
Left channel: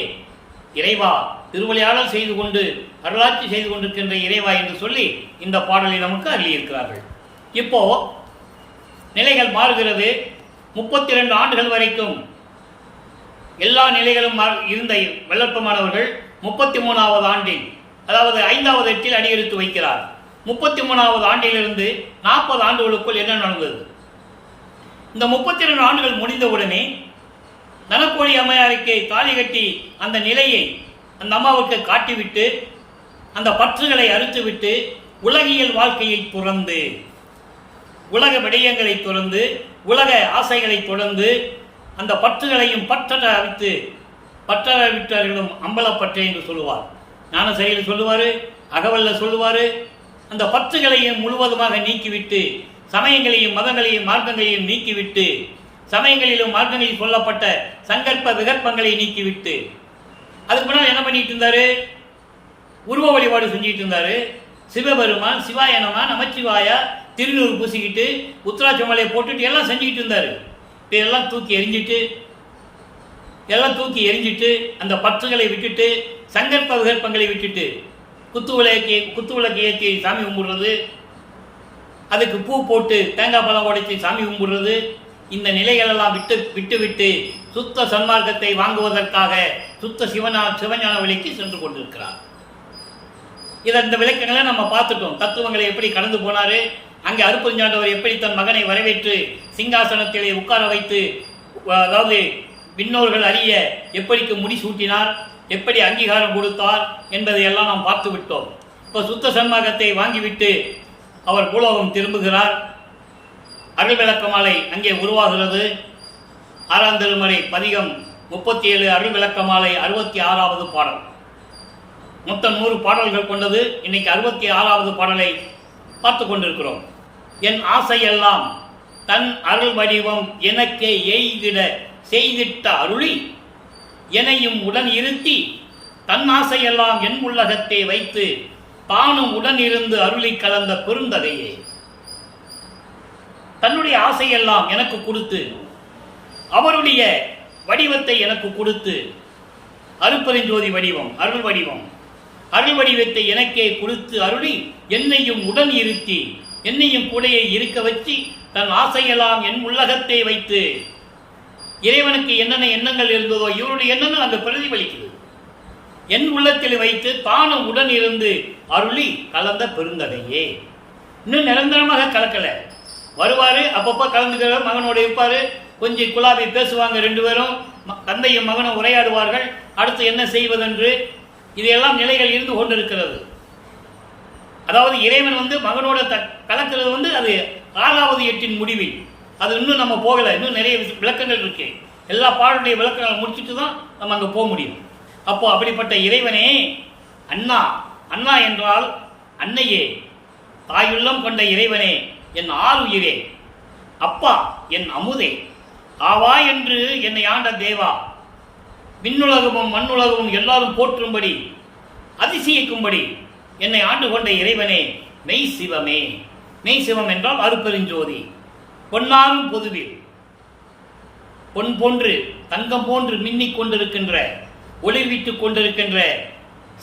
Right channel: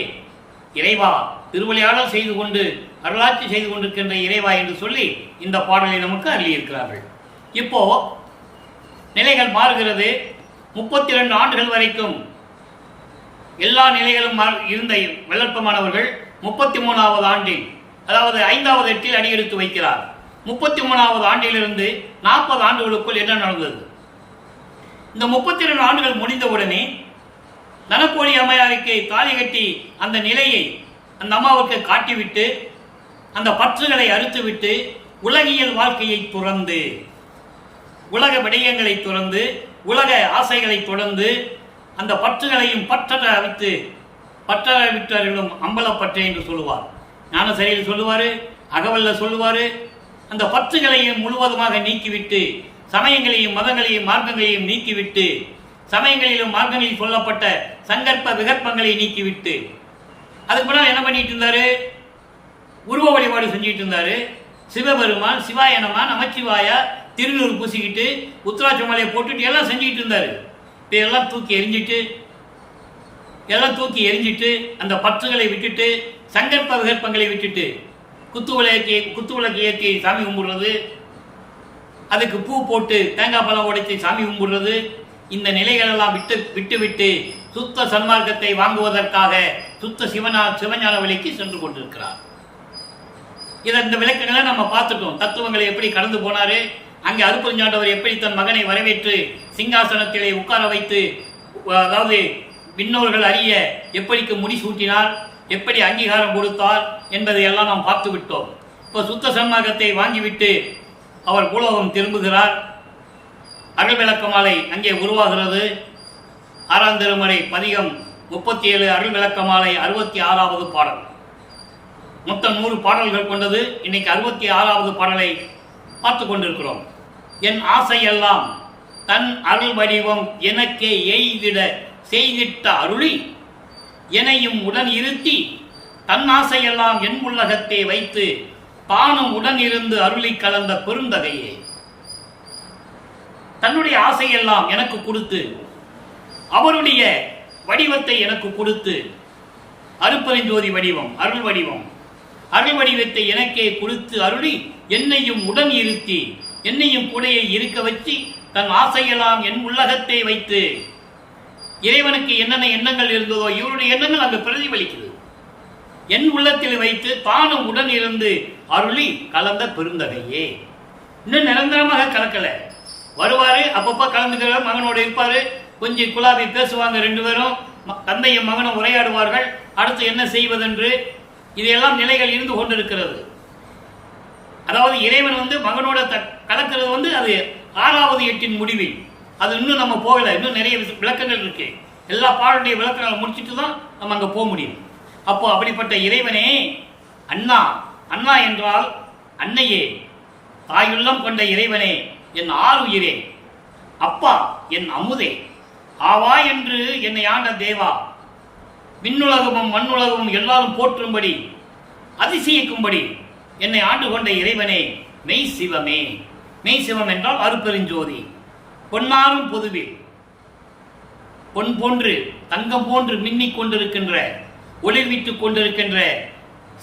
இறைவா, திருவிளையாடல் செய்து கொண்டு அருளாட்சி செய்து கொண்டிருக்கின்ற இறைவா என்று சொல்லி இந்த பாடலை நமக்கு அருளியிருக்கிறார்கள். இப்போ நிலைகள் மாறுகிறது. 32 ஆண்டுகள் வரைக்கும் எல்லா நிலைகளும் இருந்த வெள்ளற்பமானவர்கள் 33வது ஆண்டில், அதாவது 5வது எட்டில் அடியெடுத்து வைக்கிறார். 33வது ஆண்டிலிருந்து 40 ஆண்டுகளுக்குள் என்ன நடந்தது? இந்த 32 ஆண்டுகள் முடிந்தவுடனே தனக்கோடி அம்மையாருக்கு தாலி கட்டி அந்த நிலையை அந்த அம்மாவுக்கு காட்டிவிட்டு, அந்த பற்றுகளை அறுத்துவிட்டு, உலகியல் வாழ்க்கையை துறந்து, உலக விடயங்களை துறந்து, உலக ஆசைகளை தொடர்ந்து, அந்த பற்றுகளையும் பற்றற விட்டவர்களும் அம்பலப்பற்று என்று சொல்லுவார். ஞானசரியில் சொல்லுவார், அகவல்ல சொல்லுவார். அந்த பற்றுகளையும் முழுவதுமாக நீக்கிவிட்டு, சமயங்களையும் மதங்களையும் மார்க்கங்களையும் நீக்கிவிட்டு, சமயங்களிலும் மார்க்கங்களில் சொல்லப்பட்ட சங்கற்ப விகற்பங்களை நீக்கிவிட்டு, அதுக்கு முன்னால் என்ன பண்ணிட்டு இருந்தாரு? உருவ வழிபாடு செஞ்சுட்டு இருந்தாரு. சிவபெருமான், சிவாயனமா, நமச்சிவாயா, திருநூறு பூசிக்கிட்டு, உத்ராட்ச மலையை போட்டுட்டு எல்லாம் செஞ்சுக்கிட்டு இருந்தாரு. இதெல்லாம் தூக்கி எரிஞ்சிட்டு அந்த பற்றுகளை விட்டுட்டு, சங்கற்ப விகற்பங்களை விட்டுட்டு, குத்து விளக்கு ஏற்றி சாமி கும்பிடுறது, அதுக்கு பூ போட்டு தேங்காய் பழம் உடைச்சி சாமி கும்பிடுறது, இந்த நிலைகளெல்லாம் விட்டு சுத்த சன்மார்க்கத்தை வாங்குவதற்காக சுத்த சிவஞான விலைக்கு சென்று கொண்டிருக்கிறார். இந்த விளக்கங்களை நம்ம பார்த்துட்டோம். தத்துவங்களை எப்படி கடந்து போனாரு, அங்கே அருப்பஞ்சாண்டவர் எப்படி தன் மகனை வரவேற்று சிங்காசனத்திலே உட்கார வைத்து, அதாவது விண்ணோர்கள் அறிய எப்படிக்கு முடிசூட்டினார், எப்படி அங்கீகாரம் கொடுத்தார் என்பதை எல்லாம் நாம் பார்த்து விட்டோம். இப்போ சுத்த சன்மார்க்கத்தை வாங்கிவிட்டு அவர் பூலோகம் திரும்புகிறார். அருள் விளக்க மாலை அங்கே உருவாகிறது. 6ஆம் திருமுறை பதிகம் 37, அருள் விளக்க மாலை 66வது பாடல். மொத்தம் 100 பாடல்கள் கொண்டது. இன்னைக்கு 66வது பாடலை பார்த்து கொண்டிருக்கிறோம். என் ஆசையெல்லாம் தன் அருள் வடிவம் எனக்கே எய்திட செய்திட்ட அருளி எனையும் உடன் இருத்தி, தன் ஆசையெல்லாம் என் உள்ளகத்தை வைத்து தானும் உடன் இருந்து அருளி கலந்த பெருந்தகையே. தன்னுடைய ஆசையெல்லாம் எனக்கு கொடுத்து, அவருடைய வடிவத்தை எனக்கு கொடுத்து, அருப்பெருஞ்சோதி வடிவம், அருள் வடிவத்தை எனக்கே கொடுத்து அருளி என்னையும் உடன் இருத்தி, என்னையும் கூடையை இருக்க வச்சு, தன் ஆசையெல்லாம் என் உள்ளகத்தை வைத்து, இறைவனுக்கு என்னென்ன எண்ணங்கள் இருந்ததோ இவருடைய எண்ணங்கள் அங்கு பிரதிபலிக்குது. என் உள்ளத்தில் வைத்து தானும் உடன் இருந்து அருளி கலந்த பெருந்தகையே. இன்னும் நிரந்தரமாக கலக்கல, வருவாரு, அப்பப்போ கலந்துக்கிற மகனோட இருப்பாரு, கொஞ்சம் குலாபி பேசுவாங்க, 2 பேரும் தந்தையும் மகனும் உரையாடுவார்கள். அடுத்து என்ன செய்வதென்று இதையெல்லாம் நிலைகள் இருந்து கொண்டிருக்கிறது. அதாவது இறைவன் மகனோட கலக்கிறது அது 6வது எட்டின் முடிவில். அது இன்னும் நம்ம போகலை, இன்னும் நிறைய விளக்கங்கள் இருக்கு. எல்லா பாடலுடைய விளக்கங்களை முடிச்சுட்டு தான் நம்ம அங்கே போக முடியும். அப்போ அப்படிப்பட்ட இறைவனே அண்ணா, அண்ணா என்றால் அன்னையே, தாயுள்ளம் கொண்ட இறைவனே, என் ஆருயிரே, அப்பா என் அமுதே, ஆவா என்று என்னை ஆண்ட தேவா, விண்ணுலகமும் மண்ணுலகமும் எல்லாரும் போற்றும்படி அதிசயிக்கும்படி என்னை ஆண்டு கொண்ட இறைவனே, மெய் சிவமே. மெய் சிவம் என்றால் அருப்பெருஞ்சோதி, பொன்னாரும் பொதுவில் பொன் போன்று தங்கம் போன்று மின்னிக் கொண்டிருக்கின்ற, ஒளிர்விட்டுக் கொண்டிருக்கின்ற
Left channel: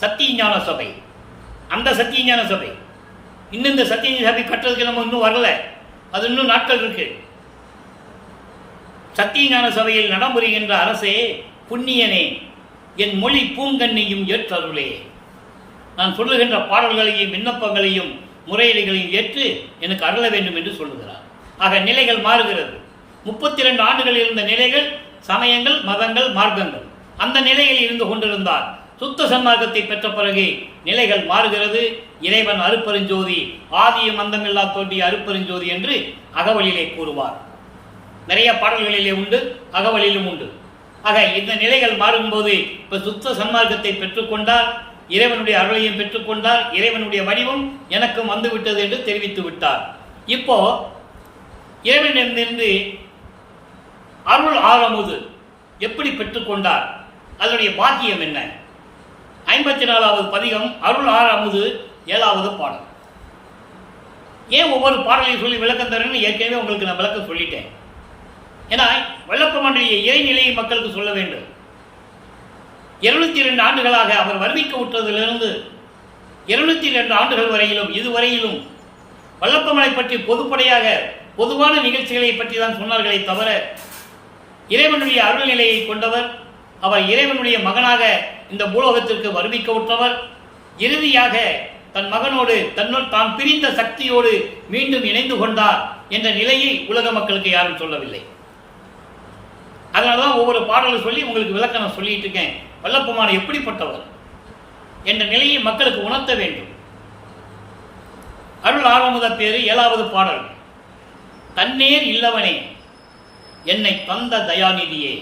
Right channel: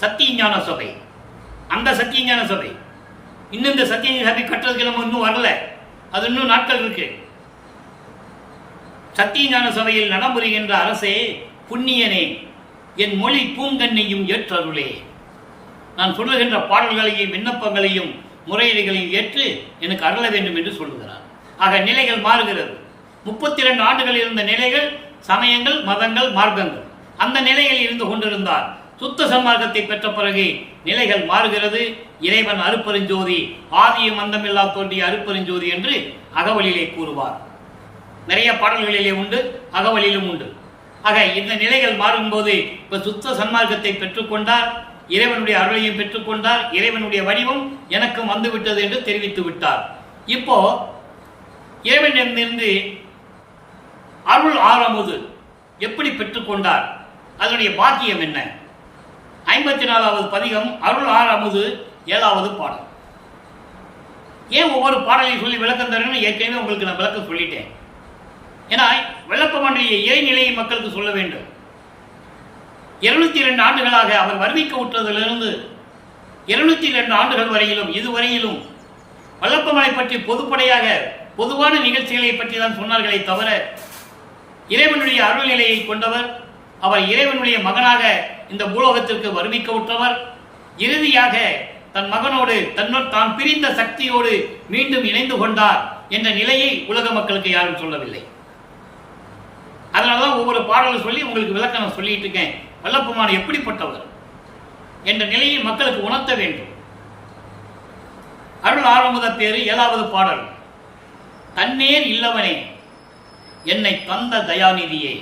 சத்தியஞான சபை. அந்த சத்தியஞான சபை இன்னும் இந்த சத்தியஞான சபை கட்டுறதுக்கு நம்ம இன்னும் வரல, அது இன்னும் நாட்கள் இருக்கு. சத்தியஞான சபையில் நடமுறுகின்ற அரசே, புண்ணியனே, என் மொழி பூங்கன்னையும் ஏற்றருளே. நான் சொல்லுகின்ற பாடல்களையும் விண்ணப்பங்களையும் முறையீடுகளையும் ஏற்று எனக்கு அருள வேண்டும் என்று சொல்லுகிறார். ஆக நிலைகள் மாறுகிறது. 32 ஆண்டுகள் இருந்த நிலைகள் சமயங்கள், மதங்கள், மார்க்கங்கள். அந்த நிலையில் இருந்து கொண்டிருந்தார். சுத்த சன்மார்க்கத்தை பெற்ற பிறகு நிலைகள் மாறுகிறது. இறைவன் அருப்பெருஞ்சோதி, ஆதியும் அந்தமில்லா தோன்றிய அருப்பெருஞ்சோதி என்று அகவலிலே கூறுவார். நிறைய பாடல்களிலே உண்டு, அகவலிலும் உண்டு. ஆக இந்த நிலைகள் மாறும்போது இப்ப சுத்த சன்மார்க்கத்தை பெற்றுக்கொண்டார், இறைவனுடைய அருளையும் பெற்றுக்கொண்டார், இறைவனுடைய வடிவம் எனக்கும் வந்துவிட்டது என்று தெரிவித்து விட்டார். இப்போ இறைவனிடமிருந்து அருள் ஆரமுது எப்படி பெற்றுக்கொண்டார், அதனுடைய பாக்கியம் என்ன? 54வது பதிகம் அருள் ஆரமுது 7வது பாடல். ஏன் ஒவ்வொரு பாடலையும் சொல்லி விளக்கம் தரணும்னு ஏற்கனவே உங்களுக்கு நான் விளக்கம் சொல்லிட்டேன். ஏன்னா வெள்ளப்ப மண்டலிய இறைநிலையை மக்களுக்கு சொல்ல வேண்டும். 202 ஆண்டுகளாக அவர் வருவிக்க விட்டதிலிருந்து 202 ஆண்டுகள் வரையிலும் இதுவரையிலும் வல்லப்பமலை பற்றி பொதுப்படையாக பொதுவான நிகழ்ச்சிகளை பற்றி தான் சொன்னார்களே தவிர, இறைவனுடைய அருள்நிலையை கொண்டவர், அவர் இறைவனுடைய மகனாக இந்த பூலோகத்திற்கு வருவிக்க விட்டவர், இறுதியாக தன் மகனோடு தான் பிரிந்த சக்தியோடு மீண்டும் இணைந்து கொண்டார் என்ற நிலையை உலக மக்களுக்கு யாரும் சொல்லவில்லை. அதனாலதான் ஒவ்வொரு பாடலும் சொல்லி உங்களுக்கு விளக்கம் சொல்லிட்டு இருக்கேன். வல்லப்பமான எப்படிப்பட்டவர் என்ற நிலையை மக்களுக்கு உணர்த்த வேண்டும். அருள் ஆரமுத பேரு 7வது பாடல். தன்னேர் இல்லவனே, என்னை தந்த தயாநிதியே.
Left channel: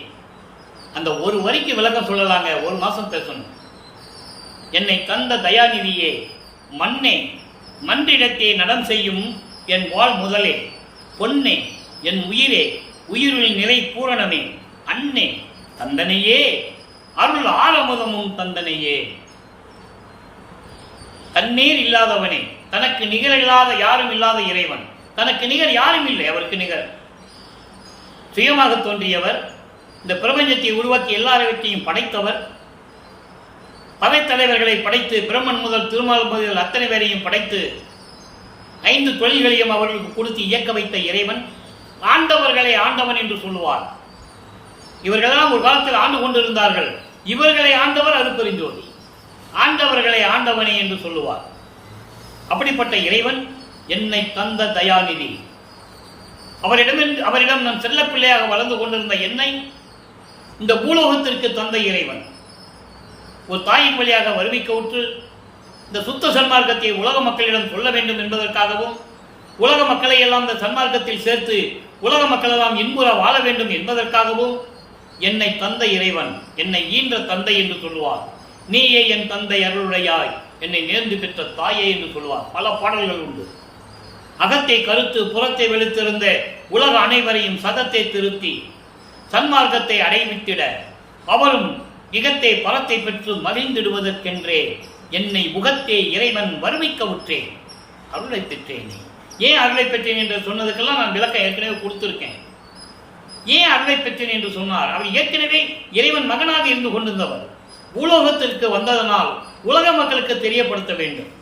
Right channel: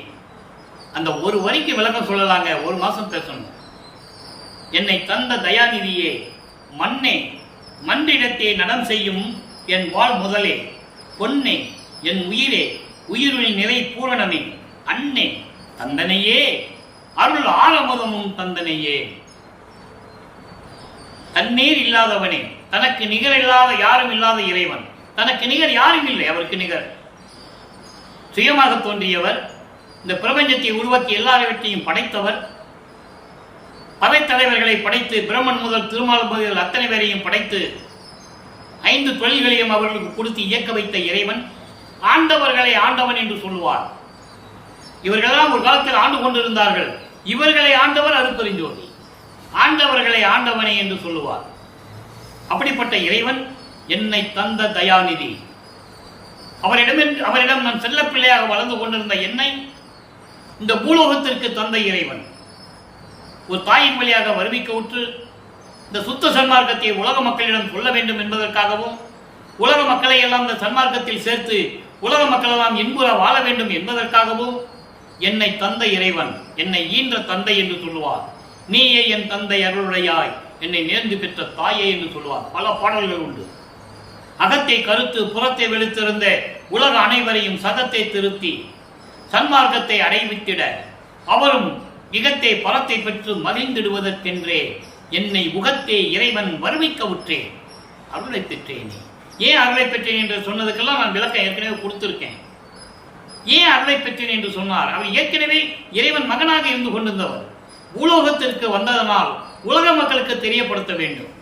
அந்த ஒரு வரிக்கு விளக்கம் சொல்லலாங்க, ஒரு மாசம் பேசணும். என்னை தந்த தயாநிதியே, மண்ணே, மன்றிடத்தே நடம் செய்யும் என் வாழ் முதலே, பொன்னே, என் உயிரே, உயிருள் நிலை பூரணமே, அன்னே, தந்தனையே, அருள் ஆரமுதமும் தந்தனையே. தன்னேர் இல்லாதவனே, தனக்கு நிகர் இல்லாத யாரும் இல்லாத இறைவன். தனக்கு நிகர் யாரும் இல்லை, அவருக்கு நிகர். சுயமாக தோன்றியவர், இந்த பிரபஞ்சத்தை உருவாக்கி எல்லாவற்றையும் படைத்தவர், படைத்தலைவர்களை படைத்து பிரம்மன் முதல் திருமால் முதல் அத்தனை பேரையும் படைத்து 5 தொழில்களையும் அவர்களுக்கு கொடுத்து இயக்க வைத்த இறைவன். ஆண்டவர்களை ஆண்டவன் என்று சொல்லுவார். இவர்களெல்லாம் ஒரு காலத்தில் ஆண்டு கொண்டிருந்தார்கள். இவர்களை ஆண்டவர் அருப்பெருஞ்சோதி, ஆண்டவர்களை ஆண்டவனே என்று சொல்லுவார். அப்படிப்பட்ட இறைவன் என்னை தந்த தயாநிதி. அவரிடம் நான் செல்ல பிள்ளையாக வளர்ந்து கொண்டிருந்த என்னை இந்த பூலோகத்திற்கு தந்த இறைவன். ஒரு தாயின் வழியாக வருவிக்க உற்று இந்த சுத்த சன்மார்க்கத்தை உலக மக்களிடம் சொல்ல வேண்டும் என்பதற்காகவும், உலக மக்களை எல்லாம் இந்த சன்மார்க்கத்தில் சேர்த்து உலக மக்கள் எல்லாம் இன்புற வாழ வேண்டும் என்பதற்காகவும் என்னை தந்த இறைவன், என்னை ஈன்ற தந்தை என்று சொல்லுவார். நீயே என் தந்தை அருளுடையாய், என்னை நேர்ந்து பெற்ற தாயே என்று சொல்லுவார். பல பாடல்கள் உண்டு. அகத்தை கருத்து புறத்தை வெளுத்திருந்த உலக அனைவரையும் சதத்தை திருத்தி சன்மார்க்கத்தை அடைவித்திட அவரும் இகத்தை பரத்தை பெற்று மகிழ்ந்திடுவதற்கென்றே என்னை உகத்தே இறைவன் வருவிக்க உற்றேன், அருளை பெற்றேனே. ஏன் அருளை பெற்றேன் என்று சொன்னதுக்கெல்லாம் நான் விளக்கம் ஏற்கனவே கொடுத்திருக்கேன். ஏன் அருளை பெற்றேன் என்று சொன்னார்? அவர் ஏற்கனவே இறைவன் மகனாக இருந்து கொண்டிருந்தவர். பூலோகத்திற்கு வந்ததனால் உலக மக்களுக்கு தெரியப்படுத்த வேண்டும்.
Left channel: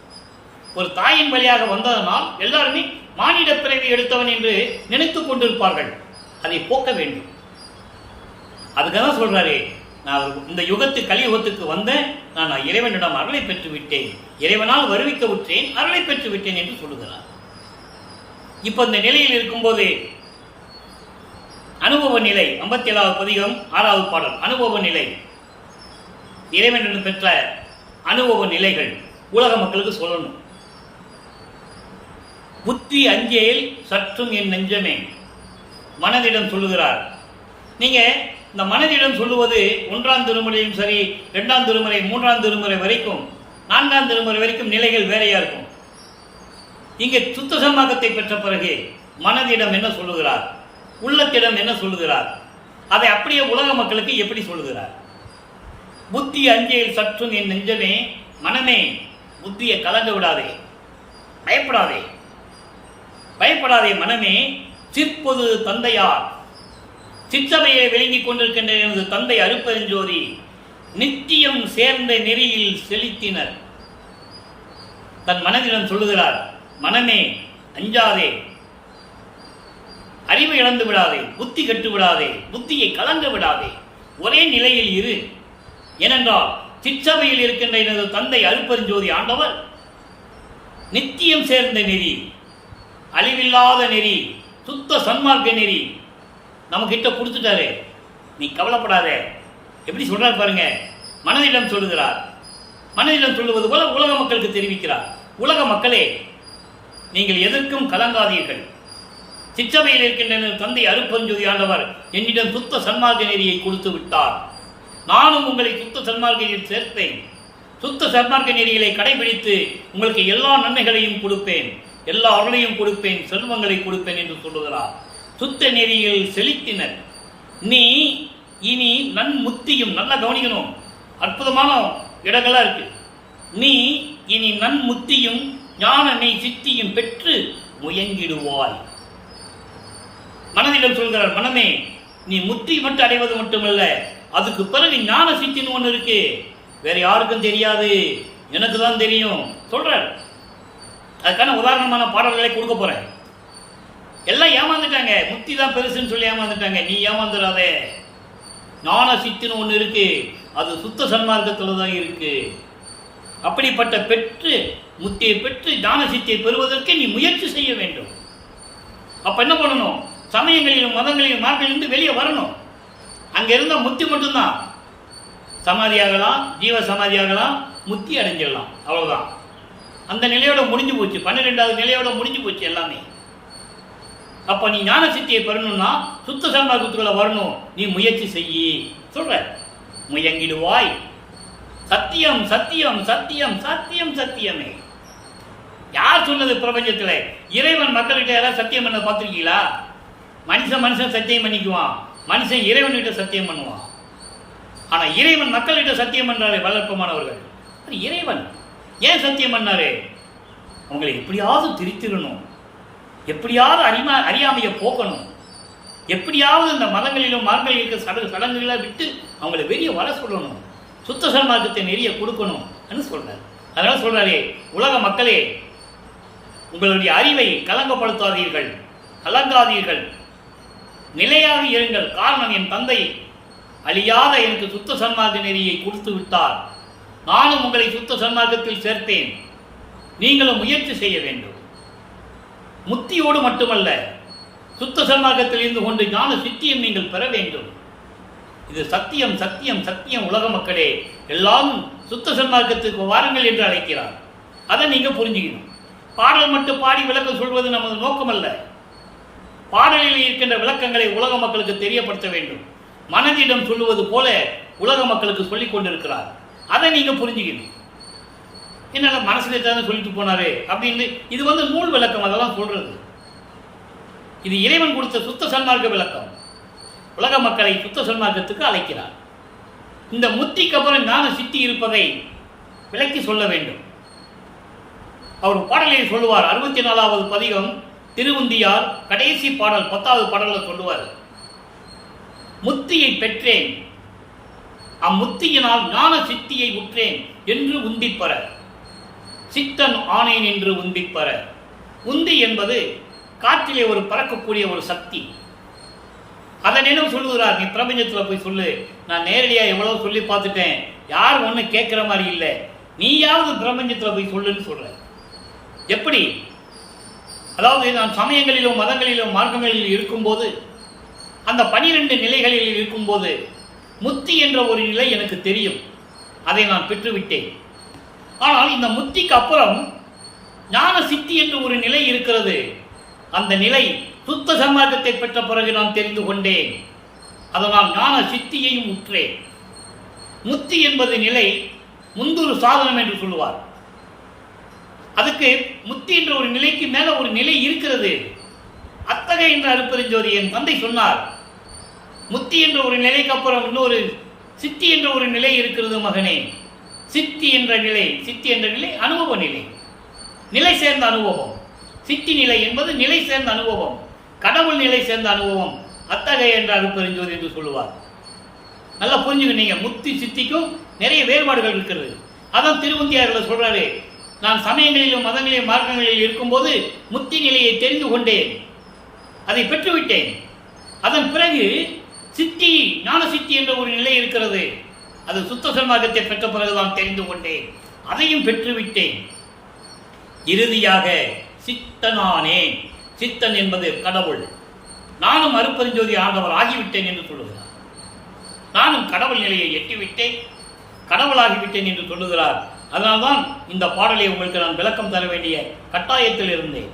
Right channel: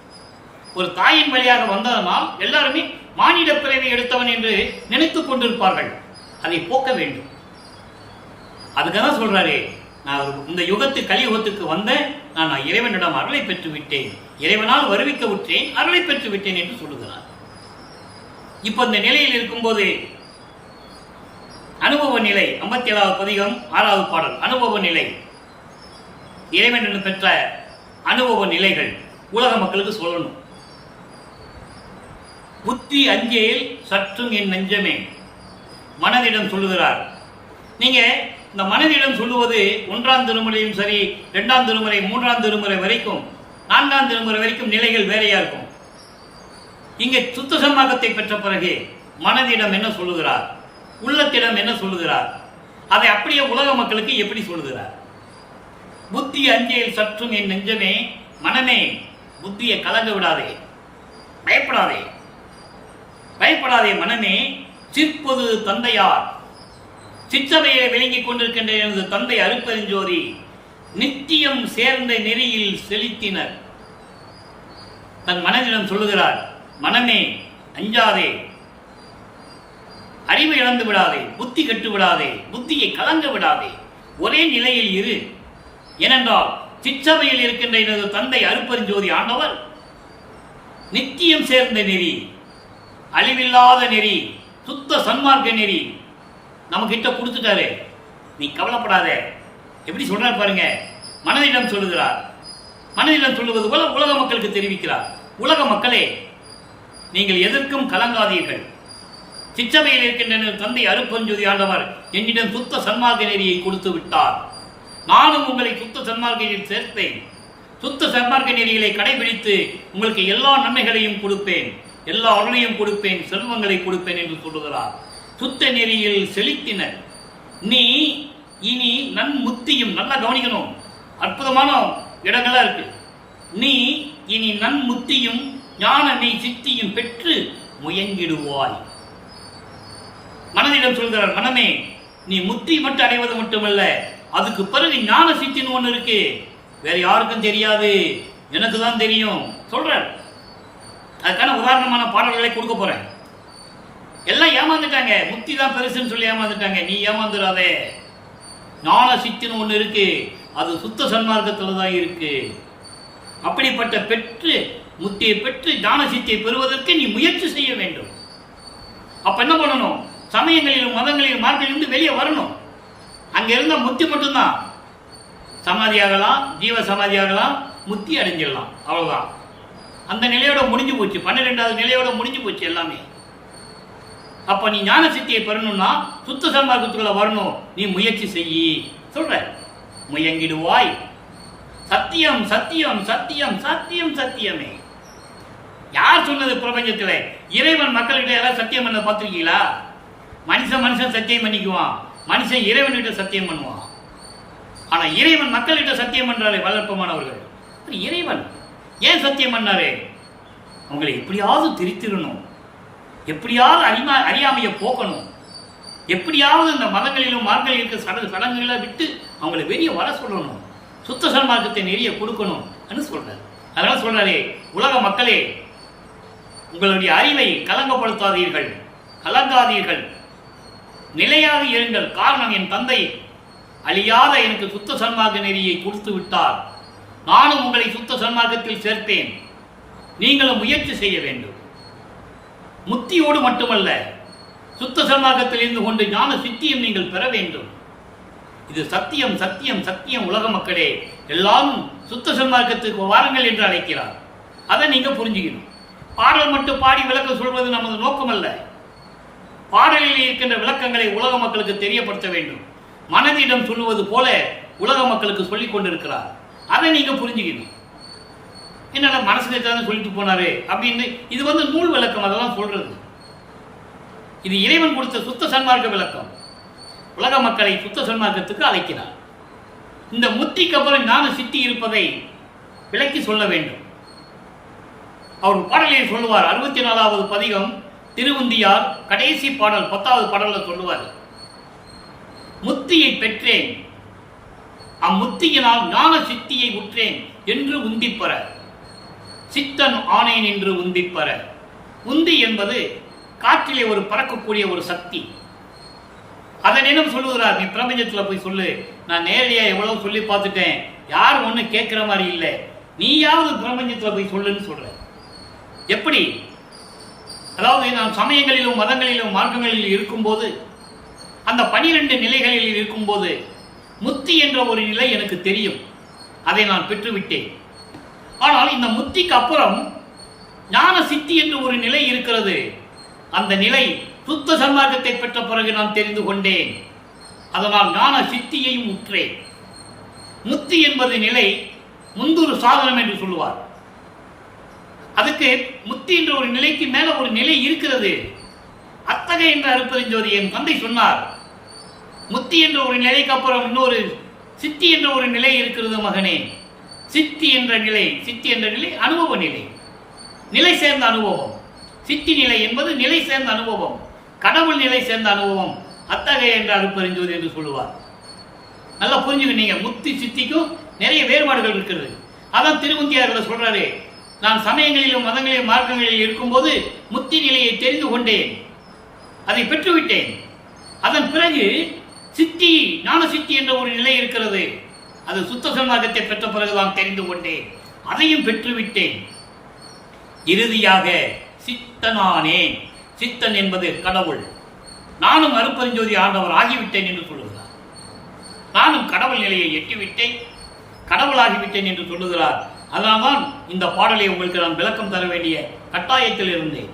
ஒரு தாயின் வழியாக வந்ததனால் எல்லாருமே மானிட பிறவி எடுத்தவன் என்று நினைத்துக் கொண்டிருப்பார்கள். அதை போக்க வேண்டும். அதுக்காக சொல்றாரு, நான் இந்த கலியுகத்துக்கு வந்தேன், நான் இறைவனிடம் அருளை பெற்று விட்டேன், இறைவனால் வருவிக்க விட்டேன், அருளை பெற்று விட்டேன் என்று சொல்லுகிறார். இப்ப இந்த நிலையில் இருக்கும்போது அனுபவ நிலை 57வது பதிகம் 6வது பாடல். அனுபவ நிலை, இறைவனிடம் பெற்ற அனுபவ நிலைகள் உலக மக்களுக்கு சொல்லணும். புத்தி அஞ்சேல் சற்றும் என் நெஞ்சமே, மனதிடம் சொல்லுகிறார். நீங்க இந்த மனதிடம் சொல்லுவது 1ஆம் திருமுறையும் சரி, 2ஆம் திருமுறை, 3ஆம் திருமுறை வரைக்கும், 4ஆம் திருமுறை வரைக்கும் நிலைகள் வேறையா இருக்கும். இங்கே சுத்த சன்மார்க்கத்தை பெற்ற பிறகு மனதிடம் என்ன சொல்லுகிறார், உள்ளத்திடம் என்ன சொல்லுகிறார், அதை அப்படியே உலக மக்களுக்கு எப்படி சொல்லுகிறார்? புத்தி அஞ்சையில் சற்றும் என் நெஞ்சமே, மனமே புத்தியை கலங்க விடாதே, பயப்படாதே, பயப்படாதே மனமே, சிற்பொது தந்தையார், சிற்றவையை விளங்கிக் கொண்டிருக்கின்ற எனது தந்தை அருப்பெருஞ்சோதி நித்தியம் சேர்ந்த நெறியில் செலுத்தினர். தன் மனதிடம் சொல்லுகிறார், மனமே அஞ்சாதே, அறிவு இழந்து விடாதே, புத்தி கட்டு விடாதே, புத்தியை கலங்க விடாதே, ஒரே நிலையில் இரு. ஏனென்றால் சிற்றவையில் இருக்கின்ற எனது தந்தை அருப்பெருஞ்சோதி ஆண்டவர் நித்தியம் சேர்ந்த நெறி, அழிவில்லாத நெறி, சுத்த சன்மார்க்க நெறி நம்ம கிட்ட கொடுத்துட்டாரு. நீ கவலைப்படாத. எப்படி சொல்றார் பாருங்க. மனதிடம் சொல்லுகிறார். மனதிடம் சொல்லுவது போல உலக மக்களுக்கு தெரிவிக்கிறார். உலக மக்களே, நீங்கள் எதற்கும் கலங்காதீர்கள். சிற்றவையில் இருக்கின்ற தந்தை அருப்பெருஞ்சோதி ஆண்டவர் என்னிடம் சுத்த சன்மார்க்க நெறியை கொடுத்து விட்டார். நானும் உங்களை சுத்த சன்மார்க்க நெறியில் சேர்ப்பேன். சுத்த சன்மார்க்க நெறிகளை கடைபிடித்து உங்களுக்கு எல்லா நன்மைகளையும் கொடுப்பேன், எல்லா அருளையும் கொடுப்பேன், செல்வங்களை கொடுப்பேன் என்று சொல்லுகிறார். சுத்த நெறியில் செலுத்தினர். நீ இனி நன்முத்தியும், நல்லா கவனிக்கணும், அற்புதமான இடங்கள்லாம் இருக்கு. நீ இனி நன்முத்தியும் ஞானமே சித்தியும் பெற்று முயங்கிடுவாய். மனதிடம் சொல்கிறார், மனமே நீ முத்தி மட்டும் அடைவது மட்டுமல்ல, அதுக்கு பிறகு ஞான சித்தின்னு ஒன்று இருக்கு. வேற யாருக்கும் தெரியாது, எனக்கு தான் தெரியும் சொல்றார். அதுக்கான உதாரணமான பாடல்களை கொடுக்க போறேன். எல்லாம் ஏமாந்துட்டாங்க, முத்தி தான் பெருசுன்னு சொல்லி ஏமாந்துட்டாங்க. நீ ஏமாந்துடாதே. ஞான சித்தின்னு ஒன்று இருக்கு, அது சுத்த சன்மார்க்கத்தில் தான் இருக்கு. அப்படிப்பட்ட பெற்று முத்தியை பெற்று ஞான சித்தியை பெறுவதற்கு நீ முயற்சி செய்ய வேண்டும். அப்ப என்ன பண்ணணும்? சமயங்களிலும் மதங்களிலும் மார்க்கிலிருந்து வெளியே வரணும். அங்க இருந்த முத்தி மட்டும்தான். சமாதியாகலாம், ஜீவ சமாதியாகலாம், முத்தி அடைஞ்சிடலாம், அவ்வளவுதான். அந்த நிலையோட முடிஞ்சு போச்சு. 12வது நிலையோட முடிஞ்சு போச்சு எல்லாமே. அப்ப நீ ஞான சித்தியை பெறணும்னா சுத்த சன்மார்க்கத்துக்குள்ள வரணும். நீ முயற்சி செய்யி சொல்ற. முயங்கிடுவாய். சத்தியம் சத்தியம் சத்தியம் சத்தியம் சத்தியமே. யார் சொன்னது? பிரபஞ்சத்தில் இறைவன் மக்கள்கிட்ட யாராவது சத்தியம் பண்ண பார்த்துருக்கீங்களா? மனுஷன் சத்தியம் பண்ணிக்குவான், மனுஷன் இறைவன்கிட்ட சத்தியம் பண்ணுவான். ஆனா இறைவன் மக்கள்கிட்ட சத்தியம் பண்றாரு. வளர்ப்பமானவர்கள் இறைவன் ஏன் சத்தியம் பண்ணாரு? அவங்களை எப்படியாவது திரித்திடணும், எப்படியாவது அறியாமையை போக்கணும், எப்படியாவது இந்த மதங்களிலும் மார்களில் இருக்க சடங்குகளை விட்டு அவங்களை வெளியே வர சொல்லணும், சுத்த சன்மார்க்கத்தை நிறைய கொடுக்கணும் சொல்றாரு. அதனால சொல்றாரு, உலக மக்களே, உங்களுடைய அறிவை கலங்கப்படுத்தாதீர்கள், கலங்காதீர்கள், நிலையாக இருங்கள். காரணம், என் தந்தை அழியாத எனக்கு சுத்த சன்மார்க்க நெறியை கொடுத்து விட்டார். நானும் உங்களை சுத்த சன்மார்க்கத்தில் சேர்ப்பேன். நீங்களும் முயற்சி செய்ய வேண்டும். முத்தியோடு மட்டுமல்ல, சுத்த சன்மார்க்கத்தில் இருந்து கொண்டு ஞான சித்தியம் நீங்கள் பெற வேண்டும். இது சத்தியம் சத்தியம் சத்தியம். உலக மக்களே, எல்லாரும் சுத்த சன்மார்க்கத்துக்கு வாருங்கள் என்று அழைக்கிறார். அதை நீங்க புரிஞ்சுக்கணும். பாடல் மட்டும் பாடி விளக்கம் சொல்வது நமது நோக்கமல்ல. பாடலில் இருக்கின்ற விளக்கங்களை உலக மக்களுக்கு தெரியப்படுத்த வேண்டும். மனதிடம் சொல்லுவது போல உலக மக்களுக்கு சொல்லிக் கொண்டிருக்கிறார். அதை நீங்க புரிஞ்சுக்கணும். என்னால மனசுல தான் சொல்லிட்டு போனாரு அப்படின்னு. இது நூல் விளக்கம், அதெல்லாம் சொல்றது. இது இறைவன் கொடுத்த சுத்த சன்மார்க்க விளக்கம். உலக மக்களை சுத்த சன்மார்க்கத்துக்கு அழைக்கிறார். இந்த முத்திக்கு அப்புறம் ஞான சித்தி இருப்பதை விளக்கி சொல்ல வேண்டும். அவர் பாடலில் சொல்லுவார். 64வது பதிகம் திருவுந்தியார் கடைசி பாடல் 10வது பாடல்ல சொல்லுவார், முத்தியை பெற்றேன், அம்முத்தியினால் ஞான சித்தியை உற்றேன் என்று உந்திப்பற, சித்தன் ஆனேன் என்று உந்திப்பற. உந்தி என்பது காற்றிலே ஒரு பறக்கக்கூடிய ஒரு சக்தி. அதனிடம் சொல்லுகிறார், நீ பிரபஞ்சத்தில் போய் சொல்லு. நான் நேரடியாக எவ்வளவு சொல்லி பார்த்துட்டேன், யாரும் ஒன்றும் கேட்குற மாதிரி இல்லை, நீயாவது பிரபஞ்சத்தில் போய் சொல்லுன்னு சொல்ற. எப்படி? அதாவது நான் சமயங்களிலும் மதங்களிலும் மார்க்கங்களில் இருக்கும்போது, அந்த 12 நிலைகளில் இருக்கும்போது முத்தி என்ற ஒரு நிலை எனக்கு தெரியும், அதை நான் பெற்றுவிட்டேன். ஆனால் இந்த முத்திக்கு அப்புறம் ஞான சித்தி என்று ஒரு நிலை இருக்கிறது. அந்த நிலை சுத்த சன்மார்க்கத்தை பெற்ற பிறகு நான் தெரிந்து கொண்டேன். அதனால் ஞான சித்தியையும் உற்றேன். முத்தி என்பது நிலை, முந்தூறு சாதனம் என்று சொல்லுவார். அதுக்கு முத்தி என்ற ஒரு நிலைக்கு மேல ஒரு நிலை இருக்கிறது. அத்தகைய என்ற அருப்பெருஞ்சோதி என் தந்தை சொன்னார். முத்தி என்ற ஒரு நிலைக்கு அப்புறம் இன்னொரு சித்தி என்ற ஒரு நிலை இருக்கிறது மகனே. சித்தி என்ற நிலை அனுபவ நிலை, நிலை சேர்ந்த அனுபவம். சித்தி நிலை என்பது நிலை சேர்ந்த அனுபவம், கடவுள் நிலை சேர்ந்த அனுபவம். அத்தகைய என்ற அருப்பெருஞ்சோதி என்று சொல்லுவார். நல்லா புரிஞ்சுக்கிட்டீங்க. முத்தி சித்திக்கும் நிறைய வேறுபாடுகள் இருக்கிறது. அதான் திருவந்தியாரில் சொல்றாரு, நான் சமயங்களிலும் மதங்களிலும் மார்க்கங்களில் இருக்கும்போது முத்தி நிலையை தெரிந்து கொண்டேன், அதை பெற்றுவிட்டேன். அதன் பிறகு சித்தி, ஞான சித்தி என்ற ஒரு நிலை இருக்கிறது. அது சுத்த சன்மார்க்கத்தை பெற்ற பிறகுதான் தெரிந்து கொண்டேன், அதையும் பெற்றுவிட்டேன். இறுதியாக சித்தனானே. சித்தன் என்பது கடவுள். நானும் அருப்பெருஞ்சோதி ஆண்டவர் ஆகிவிட்டேன் என்று சொல்லுகிறார். நானும் கடவுள் நிலையை எட்டிவிட்டேன், கடவுளாகிவிட்டேன் என்று சொல்லுகிறார். அதனால்தான் இந்த பாடலை உங்களுக்கு நான் விளக்கம் தர வேண்டிய கட்டாயத்தில் இருந்தேன்.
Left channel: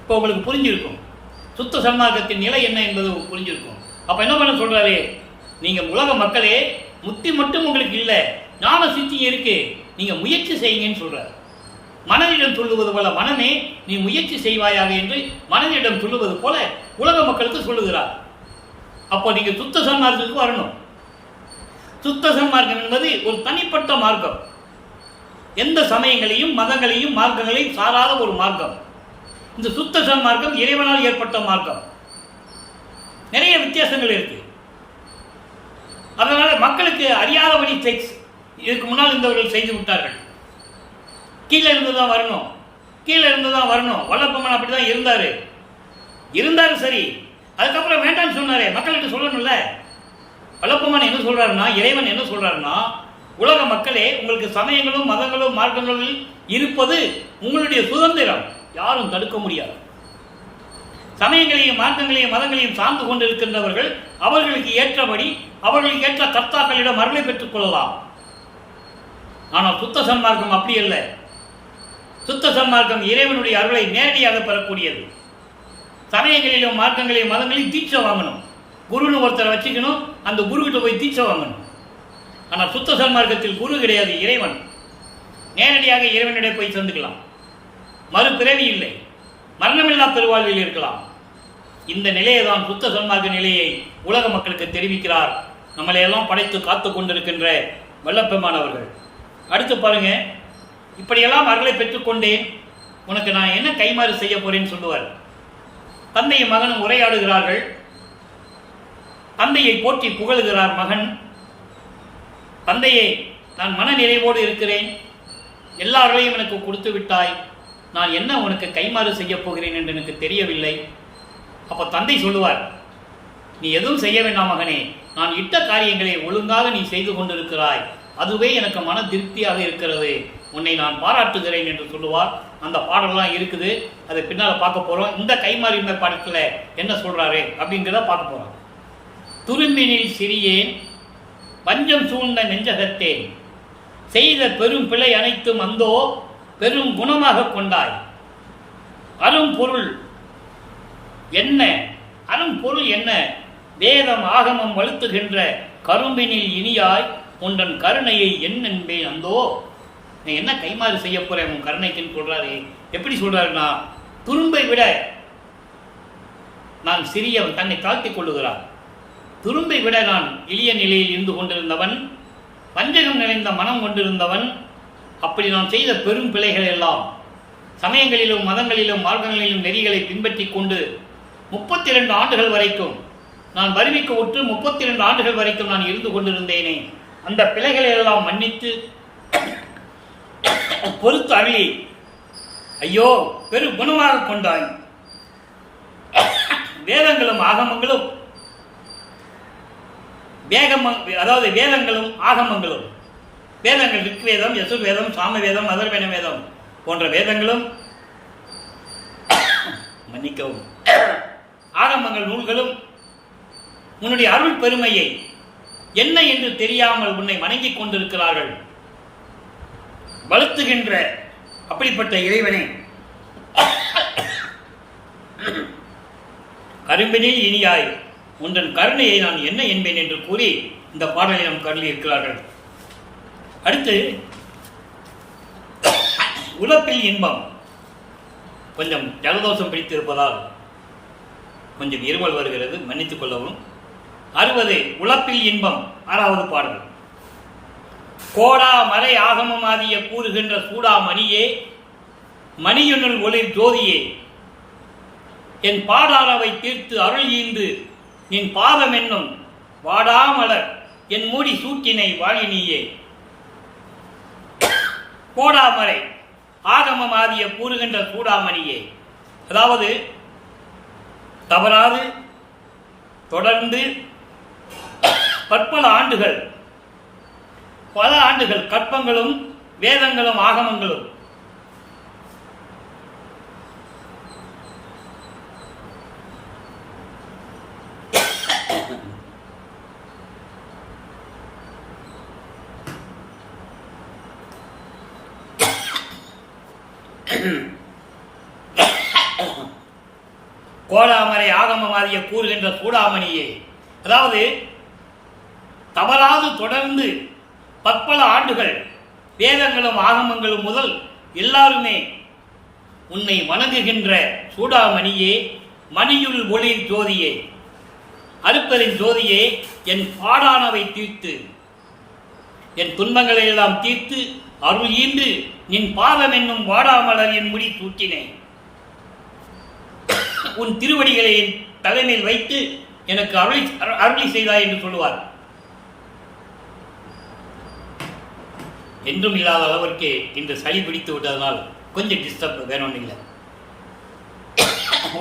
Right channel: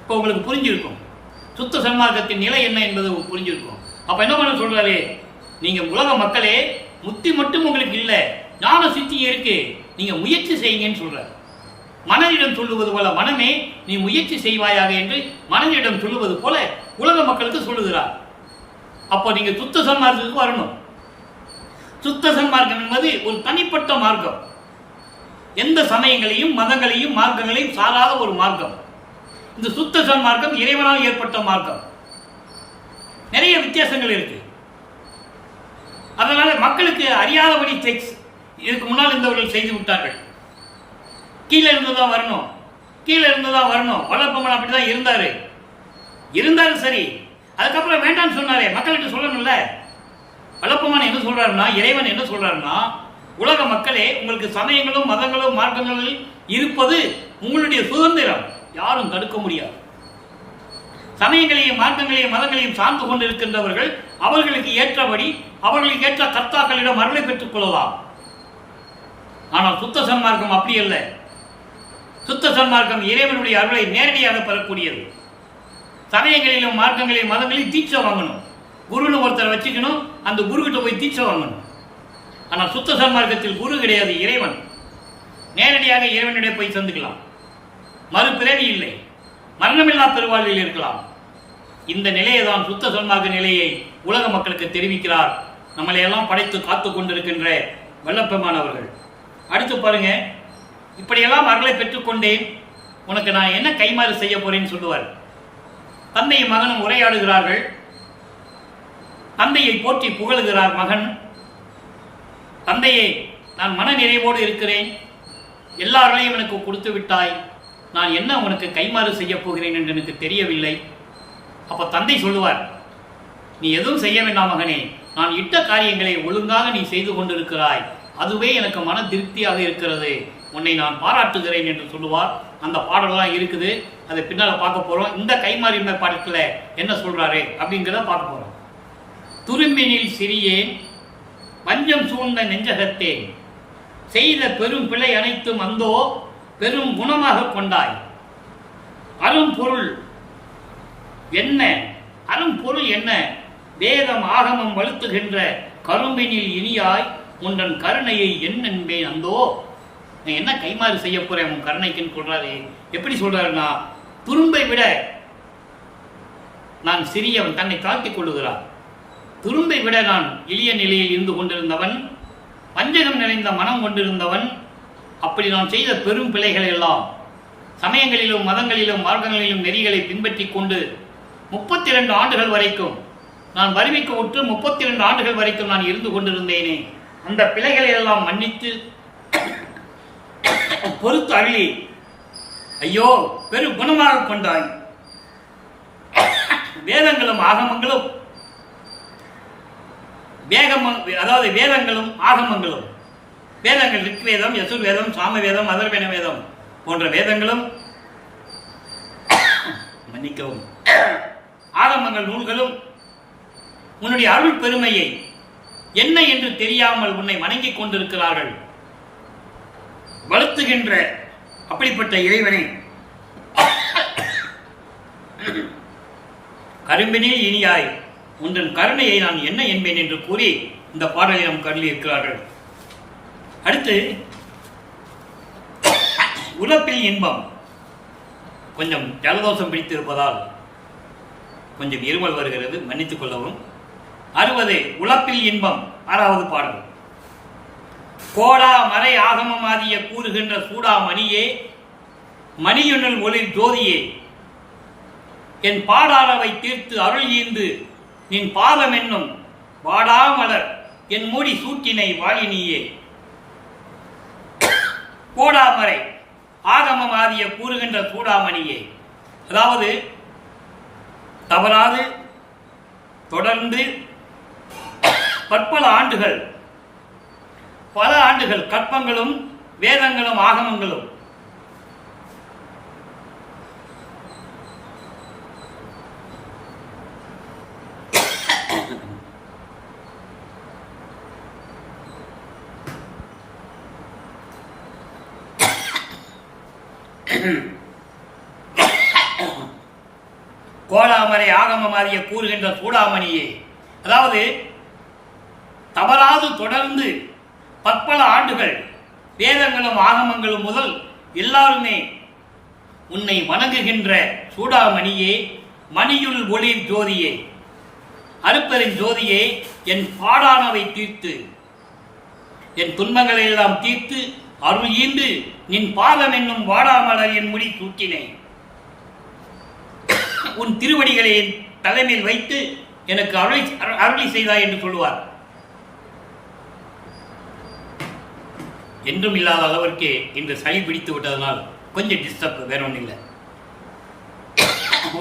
இப்போ உங்களுக்கு புரிஞ்சிருக்கும் சுத்த சன்மார்க்கத்தின் நிலை என்ன என்பது புரிஞ்சிருக்கும். அப்ப என்ன பண்ண சொல்றாரு, நீங்க உலக மக்களே, முத்தி மட்டும் உங்களுக்கு இல்லை, ஞான சித்தி இருக்கு, நீங்க முயற்சி செய்யுங்கன்னு சொல்றாரு. மனதிடம் சொல்லுவது போல, மனமே நீ முயற்சி செய்வாயாக என்று மனதிடம் சொல்லுவது போல உலக மக்களுக்கு சொல்லுகிறார். அப்போ நீங்க சுத்த சன்மார்க்கத்துக்கு வரணும். சுத்த சன்மார்க்கம் என்பது ஒரு தனிப்பட்ட மார்க்கம், எந்த சமயங்களையும் மதங்களையும் மார்க்கங்களையும் சாராத ஒரு மார்க்கம். இந்த சுத்த சன்மார்க்கம் இறைவனால் ஏற்பட்ட மார்க்கம். நிறைய வித்தியாசங்கள் இருக்கு. அதனால மக்களுக்கு அறியாதபடி செக்ஸ் இதுக்கு முன்னால் இருந்தவர்கள் செய்து விட்டார்கள். கீழே இருந்துதான் வரணும், கீழே இருந்துதான் வரணும். வல்லப்பம்மன் அப்படிதான் இருந்தாரு சரி. அதுக்கப்புறம் வேண்டான்னு சொன்னாரே, மக்கள்கிட்ட சொல்லணும்ல. வல்லப்பம்மன் என்ன சொல்றாருன்னா, இறைவன் என்ன சொல்றாருன்னா, உலக மக்களே, உங்களுக்கு சமயங்களும் மதங்களும் மார்க்கங்களில் இருப்பது உங்களுடைய சுதந்திரம், யாரும் தடுக்க முடியாது. சமயங்களையும் மார்க்கங்களையும் மதங்களையும் சார்ந்து கொண்டிருக்கின்றவர்கள் அவர்களுக்கு ஏற்றபடி அவர்களுக்கு ஏற்ற கர்த்தாக்களிடம் அருளை பெற்றுக் கொள்ளலாம். ஆனால் சுத்த சன்மார்க்கம் அப்படி அல்ல. சுத்த சன்மார்க்கம் இறைவனுடைய அருளை நேரடியாக பெறக்கூடியது. சமயங்களிலும் மார்க்கங்களையும் மதங்களையும் தீட்சை வாங்கணும், குருன்னு ஒருத்தரை வச்சுக்கணும், அந்த குரு கிட்ட போய் தீட்சை வாங்கணும். ஆனால் சுத்த சன்மார்க்கத்தில் குரு கிடையாது, இறைவன். நேரடியாக இறைவனிடம் போய் சந்திக்கலாம். மறுபிறவி இல்லை, மரணமில்லா பெருவாழ்வில் இருக்கலாம். இந்த நிலையை தான் சுத்த சன்மார்க்க நிலையை உலக மக்களுக்கு தெரிவிக்கிறார் நம்மளையெல்லாம் படைத்து காத்து கொண்டிருக்கின்ற வல்லப்பெருமான் அவர்கள். அடுத்து பாருங்க, இப்படியெல்லாம் அருளை பெற்றுக்கொண்டேன், உனக்கு நான் என்ன கைமாறு செய்ய போறேன்னு சொல்லுவார். தந்தையும் மகனும் உரையாடுகிறார்கள். தந்தையை போற்றி புகழுகிறார் மகன். தந்தையே, நான் மன நிறைவோடு இருக்கிறேன், எல்லாரையும் எனக்கு கொடுத்து விட்டாய், நான் என்ன உனக்கு கைமாறு செய்ய போகிறேன் என்று எனக்கு தெரியவில்லை. அப்ப தந்தை சொல்லுவார், நீ எதுவும் செய்ய வேண்டாம் மகனே, நான் இட்ட காரியங்களை ஒழுங்காக நீ செய்து கொண்டிருக்கிறாய், அதுவே எனக்கு மன திருப்தியாக இருக்கிறது, உன்னை நான் பாராட்டுகிறேன் என்று சொல்லுவார். அந்த பாடலாம் இருக்குது, அதை பின்னால் பார்க்க போறோம். இந்த கைமாறிமை பாடத்துல என்ன சொல்றாரு அப்படிங்கிறத பார்க்க போறோம். துரும்பினில் சிறியேன், வஞ்சம் சூழ்ந்த நெஞ்சகத்தேன், செய்த பெரும் பிழை அனைத்தும் அந்தோ பெரும் குணமாக கொண்டாய். அரும் பொருள் என்ன? அரும் பொருள் என்ன? வேதம் ஆகமம் வலுத்துகின்ற கரும்பினில் இனியாய் உன்றன் கருணையை என்னென்பேன் அந்தோ. நான் என்ன கைமாறு செய்ய போறேன் உன் கருணைக்குன்னு சொல்றாரு. எப்படி சொல்றாருன்னா, துரும்பை விட நான் சிறியவன், தன்னை தாழ்த்திக் கொள்ளுகிறான். துரும்பை விட நான் எளிய நிலையில் இருந்து கொண்டிருந்தவன், வஞ்சகம் நிறைந்த மனம் கொண்டிருந்தவன். அப்படி நான் செய்த பெரும் பிழைகள் எல்லாம் சமயங்களிலும் மதங்களிலும் மார்க்கங்களிலும் நெறிகளை பின்பற்றி கொண்டு 32 ஆண்டுகள் வரைக்கும் நான் வருவிக்க உற்று 32 ஆண்டுகள் வரைக்கும் நான் இருந்து கொண்டிருந்தேனே, அந்த பிழைகளை எல்லாம் மன்னித்து பொறுத்து அருளி ஐயோ பெரு குணமாக கொண்டாய். வேதங்களும் ஆகமங்களும் அதாவது வேதங்களும் ஆகமங்களும், வேதங்கள் ரிக்வேதம், யசுர்வேதம், சாமவேதம், அதர்வன வேதம் போன்ற வேதங்களும் மன்னிக்கவும் ஆகமங்கள் நூல்களும் உன்னுடைய அருள் பெருமையை என்ன என்று தெரியாமல் உன்னை வணங்கிக் கொண்டிருக்கிறார்கள். வளர்த்துகின்ற அப்படிப்பட்ட இறைவனே, கரும்பினில் இனியாய் உந்தன் கருணையை நான் என்ன என்பேன் என்று கூறி இந்த பாடலை நாம் கருளி இருக்கிறார்கள். அடுத்து உலப்பில் இன்பம். கொஞ்சம் ஜலதோஷம் பிடித்திருப்பதால் கொஞ்சம் இருமல் வருகிறது, மன்னித்துக் கொள்ளவும். 60 உலப்பில் இன்பம் 6வது பாடல். கோடா மறை ஆகமம் ஆதிய கூறுகின்ற சூடா மணியே, மணியுனுள் ஒளிர் ஜோதியே, என் பாடானவை தீர்த்து அருள் ஈந்து நின் பாதம் என்னும் வாடாமலர் என் மூடி சூட்டினை வாழினியே. கோடாமறை ஆகமம் ஆதிய கூறுகின்ற சூடாமணியே, அதாவது தவறாது தொடர்ந்து பற்பல ஆண்டுகள், பல ஆண்டுகள் கற்பங்களும் வேதங்களும் ஆகமங்களும் கோடாமரை ஆகமமாதிய கூறுகின்ற சூடாமணியே, அதாவது தவறாது தொடர்ந்து பற்பல ஆண்டுகள் வேதங்களும் ஆகமங்களும் முதல் எல்லாருமே உன்னை வணங்குகின்ற சூடாமணியே, மணியுள் ஒளிர் ஜோதியே, அருப்பெருஞ் ஜோதியே, என் பாடானவை தீர்த்து என் துன்பங்களை எல்லாம் தீர்த்து அருள் ஈந்து நின் பாதம் என்னும் வாடாமலர் என் முடி சூட்டினை, உன் திருவடிகளை என் தலைமையில் வைத்து எனக்கு அருளி செய்தாய் என்று சொல்லுவார். என்றும் இல்லாத அளவிற்கு இன்று சளி பிடித்து விட்டதனால் கொஞ்சம் டிஸ்டர்ப், வேற ஒன்றும் இல்லை.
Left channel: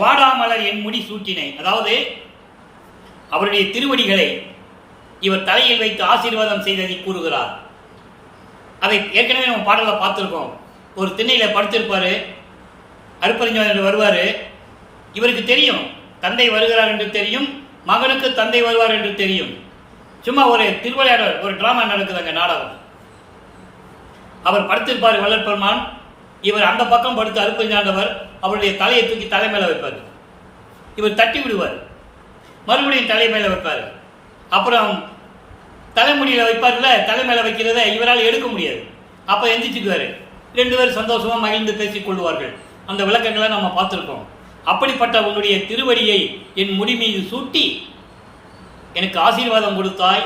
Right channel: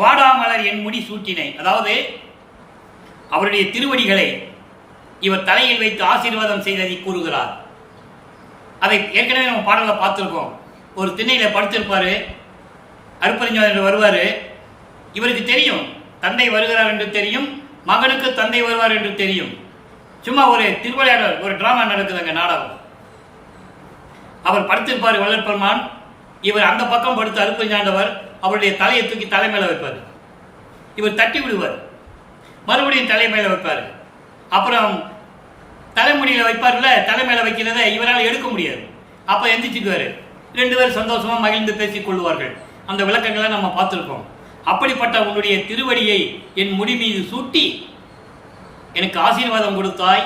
வாடாமலர் என் முடி சூட்டினை, அதாவது அவருடைய திருவடிகளை இவர் தலையில் வைத்து ஆசீர்வாதம் செய்ததை கூறுகிறார். அதை ஏற்கனவே நம்ம பாடலில் பார்த்துருக்கோம். ஒரு திண்ணையில் படுத்திருப்பார், அருப்பறிஞர் என்று வருவார். இவருக்கு தெரியும் தந்தை வருகிறார் என்று தெரியும், மகனுக்கு தந்தை வருவார் என்று தெரியும். சும்மா ஒரு திருவிளையாடல், ஒரு டிராமா நடக்குது அங்கே, நாடகம். அவர் படுத்திருப்பார் வள்ளற்பெருமான், இவர் அந்த பக்கம் படுத்து அருப்பறிஞாண்டவர் அவருடைய தலையை தூக்கி தலை மேலே வைப்பார். இவர் தட்டி விடுவார், மறுபடியும் தலை மேலே வைப்பார். அப்புறம் தலைமுடியில் வைப்பார்ல, தலை மேலே வைக்கிறத இவரால் எடுக்க முடியாது. அப்போ எந்திரிச்சுக்குவார். 2 பேர் சந்தோஷமாக மகிழ்ந்து பேசிக் கொள்வார்கள். அந்த விளக்கங்களை நம்ம பார்த்துருக்கோம். அப்படிப்பட்ட உன்னுடைய திருவடியை என் முடி மீது சூட்டி எனக்கு ஆசீர்வாதம் கொடுத்தாய்,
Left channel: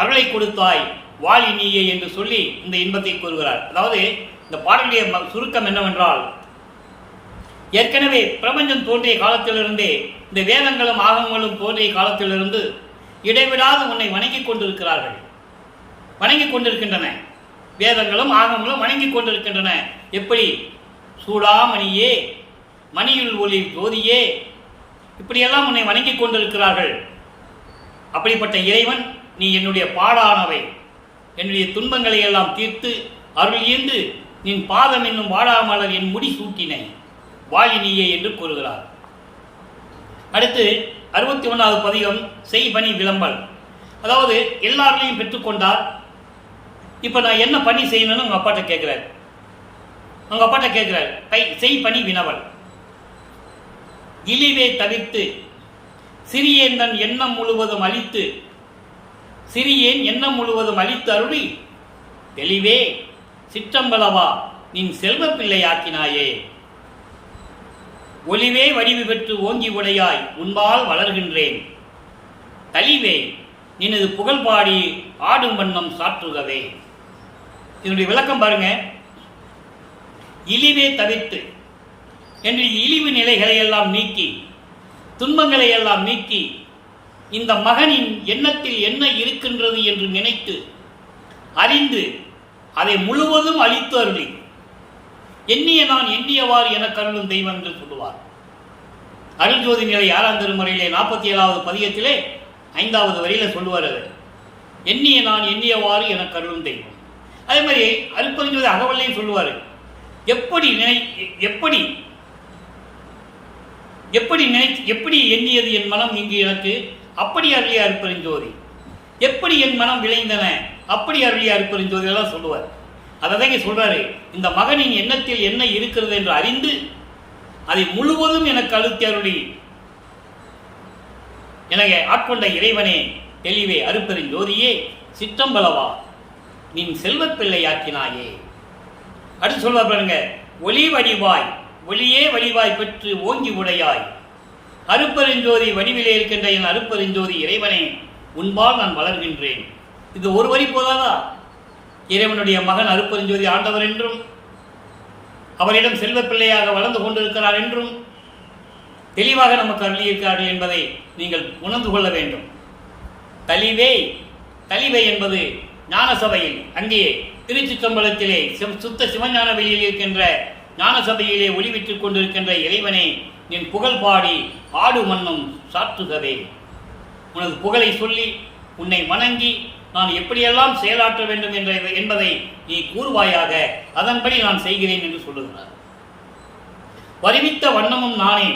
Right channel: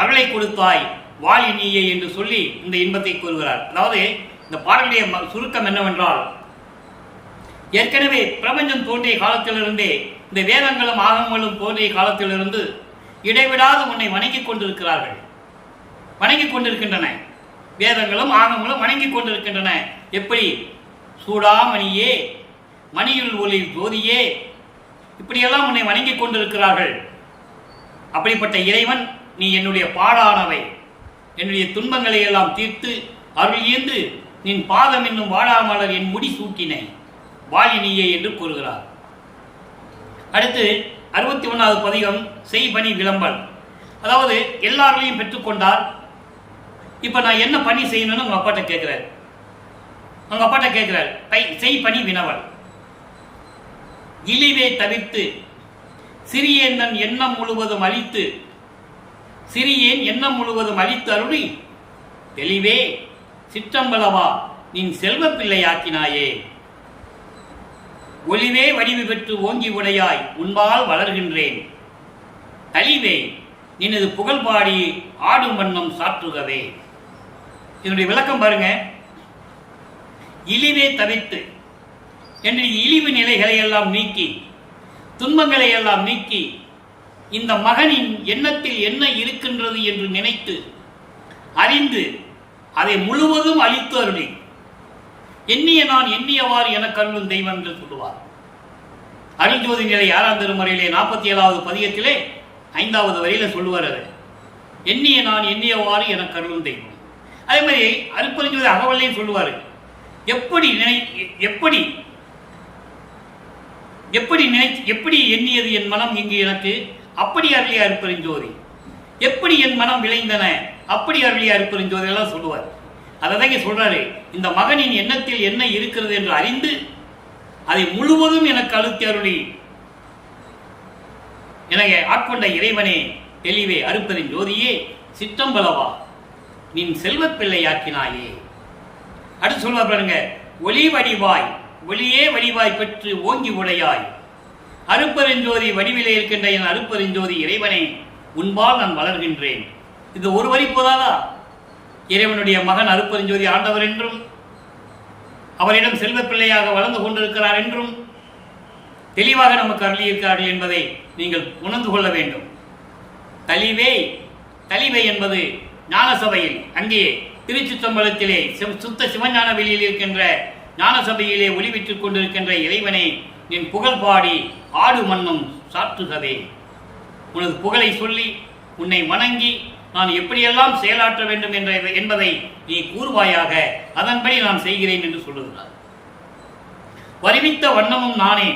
அருளை கொடுத்தாய், வாழி நீயே என்று சொல்லி இந்த இன்பத்தை கூறுகிறார். அதாவது இந்த பாடலுடைய சுருக்கம் என்னவென்றால், ஏற்கனவே பிரபஞ்சம் தோன்றிய காலத்திலிருந்தே, இந்த வேதங்களும் ஆகமங்களும் தோன்றிய காலத்திலிருந்து இடைவிடாது உன்னை வணங்கிக் கொண்டிருக்கிறார்கள், வணங்கிக் கொண்டிருக்கின்றன. வேதங்களும் ஆகமங்களும் வணங்கிக் கொண்டிருக்கின்றன. எப்படி? சூடாமணியே, மணியுள் ஒளி ஜோதியே, இப்படியெல்லாம் உன்னை வணங்கிக் கொண்டிருக்கிறார்கள். அப்படிப்பட்ட இறைவன், நீ என்னுடைய பாடானவை, என்னுடைய துன்பங்களை எல்லாம் தீர்த்து அருள் ஈந்து நின் பாதம் என்னும் வாடாமலர் என் முடி சூட்டினை வாழினியே என்று கூறுகிறார். அடுத்து 61வது பதிகம் செய்பணி விளம்பல். அதாவது எல்லாரையும் பெற்றுக்கொண்டார். இப்போ நான் என்ன பண்ணி செய்யணும்னு உங்கள் அப்பாட்ட கேட்குறாரு. அவங்க அப்பாட்ட கேட்குறாரு, செய்பணி வினவல். இழிவை தவிர்த்து சிறியேன் தன் எண்ணம் முழுவதும் அழித்து, சிறியேன் எண்ணம் முழுவதும் அழித்து அருளி, தெளிவே சிற்றம்பலவா நின் செல்வ பிள்ளையாக்கினாயே, ஒளிவே வடிவு பெற்று ஓங்கி உடையாய் உன்பால் வளர்கின்றேன், தளிவே நினது புகழ் பாடி ஆடும் வண்ணம் சாற்றுகவே. இதனுடைய விளக்கம் பாருங்க. இழிவே தவிர்த்து என்று இழிவு நிலைகளை எல்லாம் நீக்கி, துன்பங்களை எல்லாம் நீக்கி, இந்த மகனின் எண்ணத்தில் என்ன இருக்கின்றது என்று நினைத்து அறிந்து அதை முழுவதும் அழித்து அருளி, எண்ணிய நான் எண்ணியவாறு என கருளும் தெய்வம் என்று சொல்லுவார். அருள் ஜோதி நிலை 6ஆம் திருமுறையிலே 47வது பதிகத்திலே 5வது வரியில சொல்லுவார். அது எண்ணிய நான் எண்ணியவாறு என கருளும் தெய்வம். அதே மாதிரி அருட்பெருஞ்சோதி அகவல்லையும் சொல்லுவார். எப்படி எண்ணியது என் மனம் இங்கு எனக்கு, அப்படி அருளிய அருட்பெருஞ்சோதி. எப்படி என் மனம் விளைந்தன, அப்படி அருளிய அருட்பெருஞ்சோதி எல்லாம் சொல்லுவார். அதை தான் சொல்றாரு. இந்த மகனின் எண்ணத்தில் என்ன இருக்கிறது என்று அறிந்து அதை முழுவதும் எனக்கு அழுத்தி அருளி எனவே ஆட்கொண்ட இறைவனே, தெளிவே, அருப்பெரும் ஜோதியே, சிற்றம்பலவா, நின் செல்வப் பிள்ளையாக்கினாயே. அடுத்து சொல்வார் பாருங்க, ஒளி வடிவாய், ஒளியே வடிவாய் பெற்று ஓங்கி உடையாய், அருப்பெருஞ்சோதி வடிவிலே இருக்கின்ற என் அருப்பெருஞ்சோதி இறைவனே, உன்பால் நான் வளர்கின்றேன். இது ஒரு வரி போதாதா? இறைவனுடைய மகன் அருப்பெருஞ்சோதி ஆண்டவர் என்றும், அவரிடம் செல்வ பிள்ளையாக வளர்ந்து கொண்டிருக்கிறார் என்றும் தெளிவாக நமக்கு அருளியிருக்கிறார்கள் என்பதை நீங்கள் உணர்ந்து கொள்ள வேண்டும். தளிவே, தளிவை என்பது ஞான சபையில், அங்கே திருச்சிற்றம்பலத்திலே சுத்த சிவஞான வெளியில் இருக்கின்ற ஞான சபையிலே ஒளிவிட்டுக் கொண்டிருக்கின்ற இறைவனை, நின் புகழ் பாடி ஆடு மன்னும் சாற்றுகவே. உனது புகழை சொல்லி உன்னை வணங்கி நான் எப்படியெல்லாம் செயலாற்ற வேண்டும் என்பதை நீ கூறுவாயாக, அதன்படி நான் செய்கிறேன் என்று சொல்லுகிறார். வருவித்த வண்ணமும் நானே,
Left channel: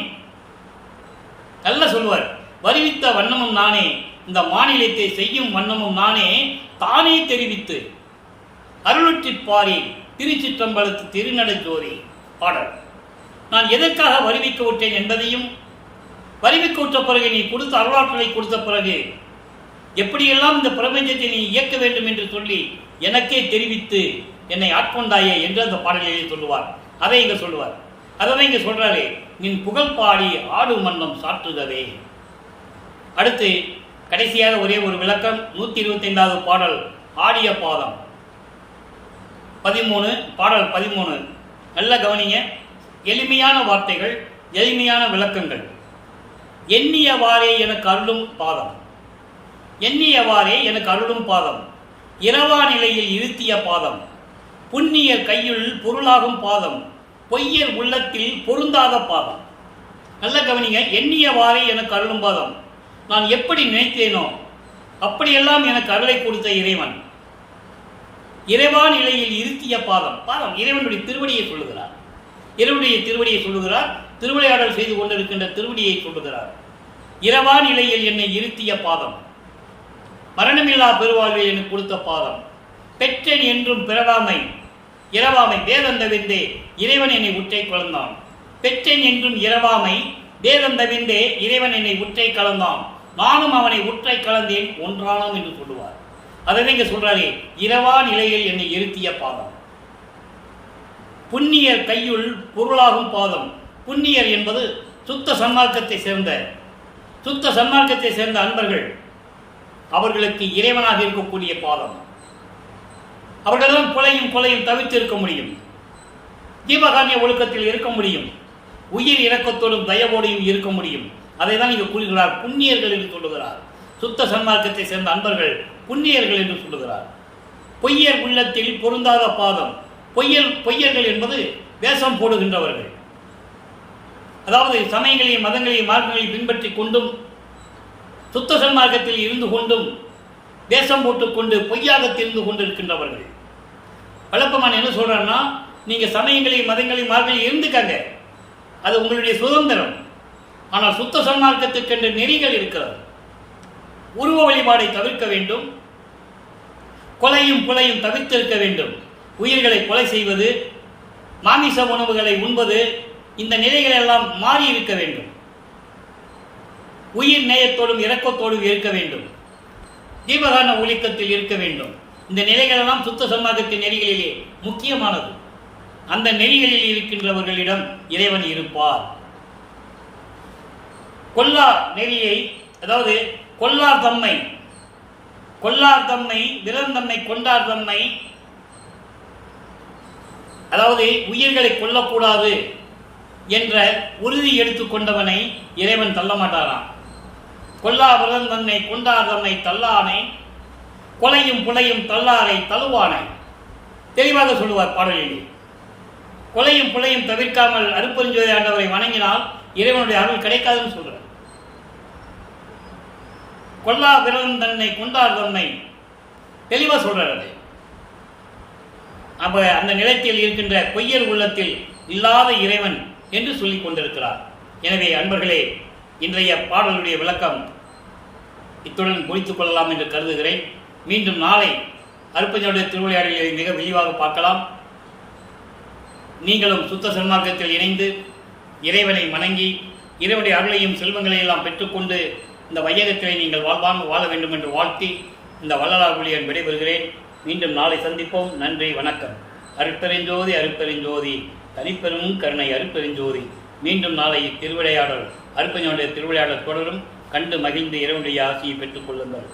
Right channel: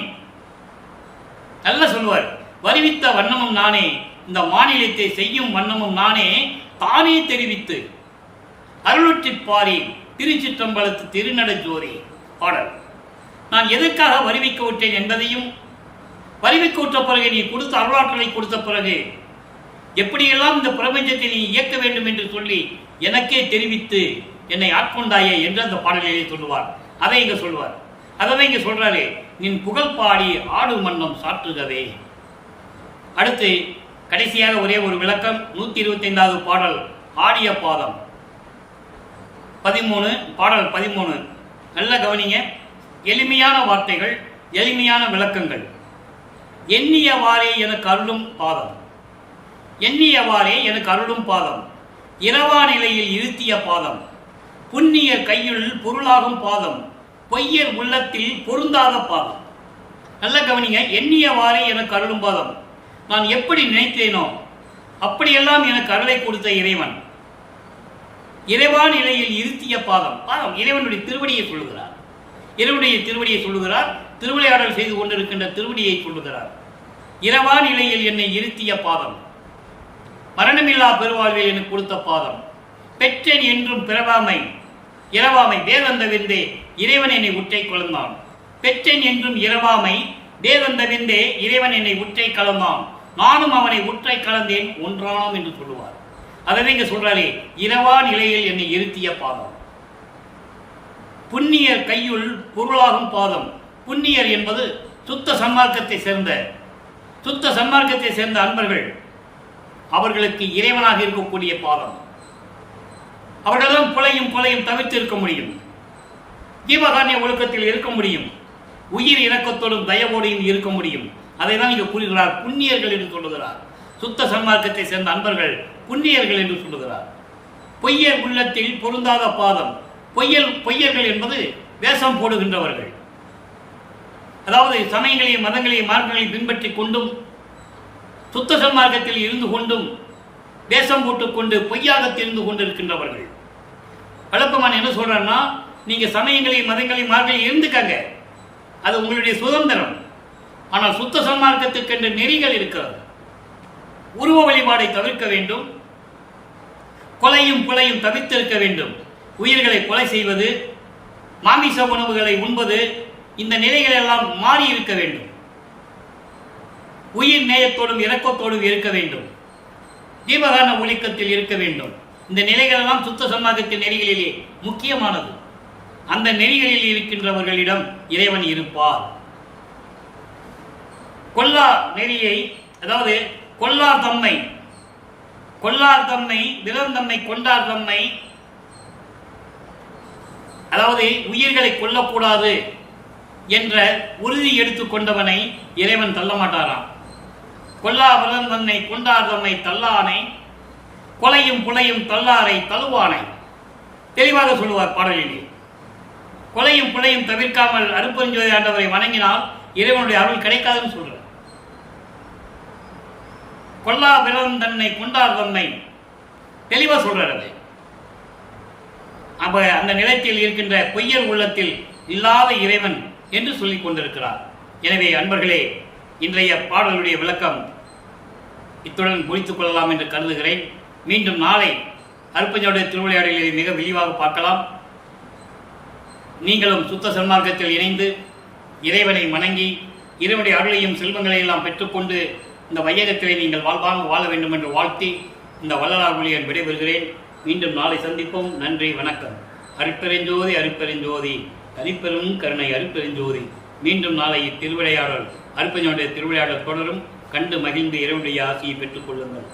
நல்ல சொல்லுவார், வருவித்த வண்ணமும் நானே, இந்த மாநிலத்தை செய்யும் வண்ணமும் நானே, தானே தெரிவித்து அருளுற்றிப்பாரி திருச்சிற்றம்பலத்து திருநடஜோதி பாடல். நான் எதற்காக வருவிக்க விட்டேன் என்பதையும், வருவிக்க விட்ட பிறகு நீ கொடுத்த அருளாற்றலை கொடுத்த பிறகு எப்படியெல்லாம் இந்த பிரபஞ்சத்தை நீ இயக்க வேண்டும் என்று சொல்லி எனக்கே தெரிவித்து என்னை ஆட்கொண்டாயே என்று அந்த பாடலிலே சொல்லுவார். அதை இங்க சொல்லுவார். அதை இங்க சொல்றாரு, நின் புகழ் பாடி ஆடு மன்னம் சாற்றுகவே. அடுத்து கடைசியாக ஒரே ஒரு விளக்கம், 125வது பாடல், ஆடிய பாதம் 13, பாடல் 13. நல்ல கவனிங்க, எளிமையான வார்த்தைகள், எளிமையான விளக்கங்கள். எண்ணியவாறே எனக்கு அருளும் பாதம், எண்ணியவாறே எனக்கு அருளும் பாதம், இரவா நிலையில் இருத்திய பாதம், புண்ணியர் கையுள் பொருளாகும் பாதம், பொய்யர் உள்ளத்தில் பொருந்தாத பாதம். நல்ல கவனிங்க, எண்ணியவாறே எனக்கு அருளும் பாதம். நான் எப்படி நினைத்தேனோ அப்படியெல்லாம் எனக்கு அருளை கொடுத்த இறைவன். இறைவா நிலையில் இருத்திய பாதம், பாதம் இறைவனுடைய திருவடியை சொல்லுகிறார். இறைவனுடைய திருவடியை சொல்லுகிறார். திருவிளையாடல் செய்து கொண்டிருக்கின்ற திருவடியை சொல்லுகிறார். இரவா நிலையில் என்னை இருத்திய பாதம், மரணமில்லா பெருவாழ்வில் எனக்கு கொடுத்த பாதம், பெற்றேன் என்றும் பிறவாமை இரவாமை வேதந்த விந்தே இறைவன் என்னை உற்றை கலந்தான், பெற்றேன் என்றும் இரவாமை வேதந்த விந்தே இறைவன் என்னை உற்றை கலந்தான், நானும் அவனை உற்றை கலந்தேன் ஒன்றானோம் என்று சொல்லுவார். அதை இங்க சொல்றாரே, இரவா நிலையில் என்னை இருத்திய பாதம், புண்ணியர் கையுள் பொருளாகும் பாதம். புண்ணியர் என்பது சுத்த சன்மார்க்கத்தை சேர்ந்த அன்பர்கள், அவர்களுக்கு இறைவனாக இருக்கக்கூடிய பாதம். அவர்கள்தான் கொலையும் தவிர்த்து இருக்க முடியும், ஜீவகாரிய ஒழுக்கத்தில் இருக்க முடியும், உயிர் இரக்கத்தோடும் தயவோடையும் இருக்க முடியும். அதை தான் இங்கு கூறுகிறார், புண்ணியர்கள் என்று சொல்லுகிறார். சுத்த சன்மார்க்கத்தை சேர்ந்த அன்பர்கள் புண்ணியர்கள் என்று சொல்லுகிறார். பொய்யர் உள்ளத்தில் பொருந்தாத பாதம். பொய்யர்கள் என்பது வேஷம் போடுகின்றவர்கள், அதாவது சமயங்களையும் மதங்களையும் மார்க்கங்களையும் பின்பற்றி கொண்டும் சுத்த சன்மார்க்கத்தில் இருந்து கொண்டும் வேஷம் போட்டுக்கொண்டு பொய்யாக தெரிந்து கொண்டிருக்கின்றவர்கள். வழப்பமான என்ன சொல்றாருன்னா, நீங்க சமயங்களையும் மதங்களையும் மார்க்கங்களையும் இருந்துக்காங்க, அது உங்களுடைய சுதந்திரம். ஆனால் சுத்த சன்மார்க்கத்துக்கென்று நெறிகள் இருக்கிறது. உருவ வழிபாடை தவிர்க்க வேண்டும், கொலையும் தவிர்த்திருக்க வேண்டும். உயிர்களை கொலை செய்வது, மாமிச உணவுகளை உண்பது, இந்த நிலைகள் எல்லாம் மாறி இருக்க வேண்டும். உயிர் நேயத்தோடும் இரக்கத்தோடும் இருக்க வேண்டும், ஜீவகாரண ஒழுக்கத்தில் இருக்க வேண்டும். இந்த நிலைகள் எல்லாம் சுத்த சன்மார்க்கத்தின் நெறிகளிலே முக்கியமானது. அந்த நெறிகளில் இருக்கின்றவர்களிடம் இறைவன் இருப்பார். கொல்லா நெறியை, அதாவது கொல்லார் தம்மை விரந்தம்மை கொண்டார் தம்மை, அதாவது உயிர்களை கொல்லக்கூடாது என்ற உறுதி எடுத்துக்கொண்டவனை இறைவன் தள்ள மாட்டாராம். கொல்லா விரந்தன்னை கொண்டார் தம்மை தள்ளானை, கொலையும் தள்ளாரை தழுவானை. தெளிவாக சொல்லுவார் பாடலிலே. கொலையும் தவிர்க்காமல் அருப்பெருஞ்சோதி ஆண்டவரை வணங்கினால் இறைவனுடைய அருள் கிடைக்காதுன்னு சொல்றார். கொல்லா பிறந்தன்னை கொண்டார் தம்மை தெளிவா சொல்றார். அதை அப்ப அந்த நிலத்தில் இருக்கின்ற பொய்யர் உள்ளத்தில் இல்லாத இறைவன் என்று சொல்லிக் கொண்டிருக்கிறார். எனவே அன்பர்களே, இன்றைய பாடலுடைய விளக்கம் இத்துடன் முடித்துக் கொள்ளலாம் என்று கருதுகிறேன். மீண்டும் நாளை அருப்பெருஞ்சோதி திருவிளையாடலை மிக விரிவாக பார்க்கலாம். நீங்களும் சுத்த சன்மார்க்கத்தில் இணைந்து இறைவனை வணங்கி இறைவனுடைய அருளையும் செல்வங்களை எல்லாம் பெற்றுக்கொண்டு இந்த வையகத்திலே நீங்கள் வாழ்வாங்க வாழ வேண்டும் என்று வாழ்த்தி இந்த வள்ளலார் ஊழியன் விடைபெறுகிறேன். மீண்டும் நாளை சந்திப்போம். நன்றி, வணக்கம். அருட்பெருஞ்சோதி அருட்பெருஞ்சோதி தனிப்பெரும் கருணை அருட்பெருஞ்சோதி. மீண்டும் நாளை திருவிளையாடல் அருட்பெருஞ்சோதியுடைய திருவிளையாடல் தொடரும். கண்டு மகிழ்ந்து இறைவனுடைய ஆசியை பெற்றுக் கொள்ளுங்கள்.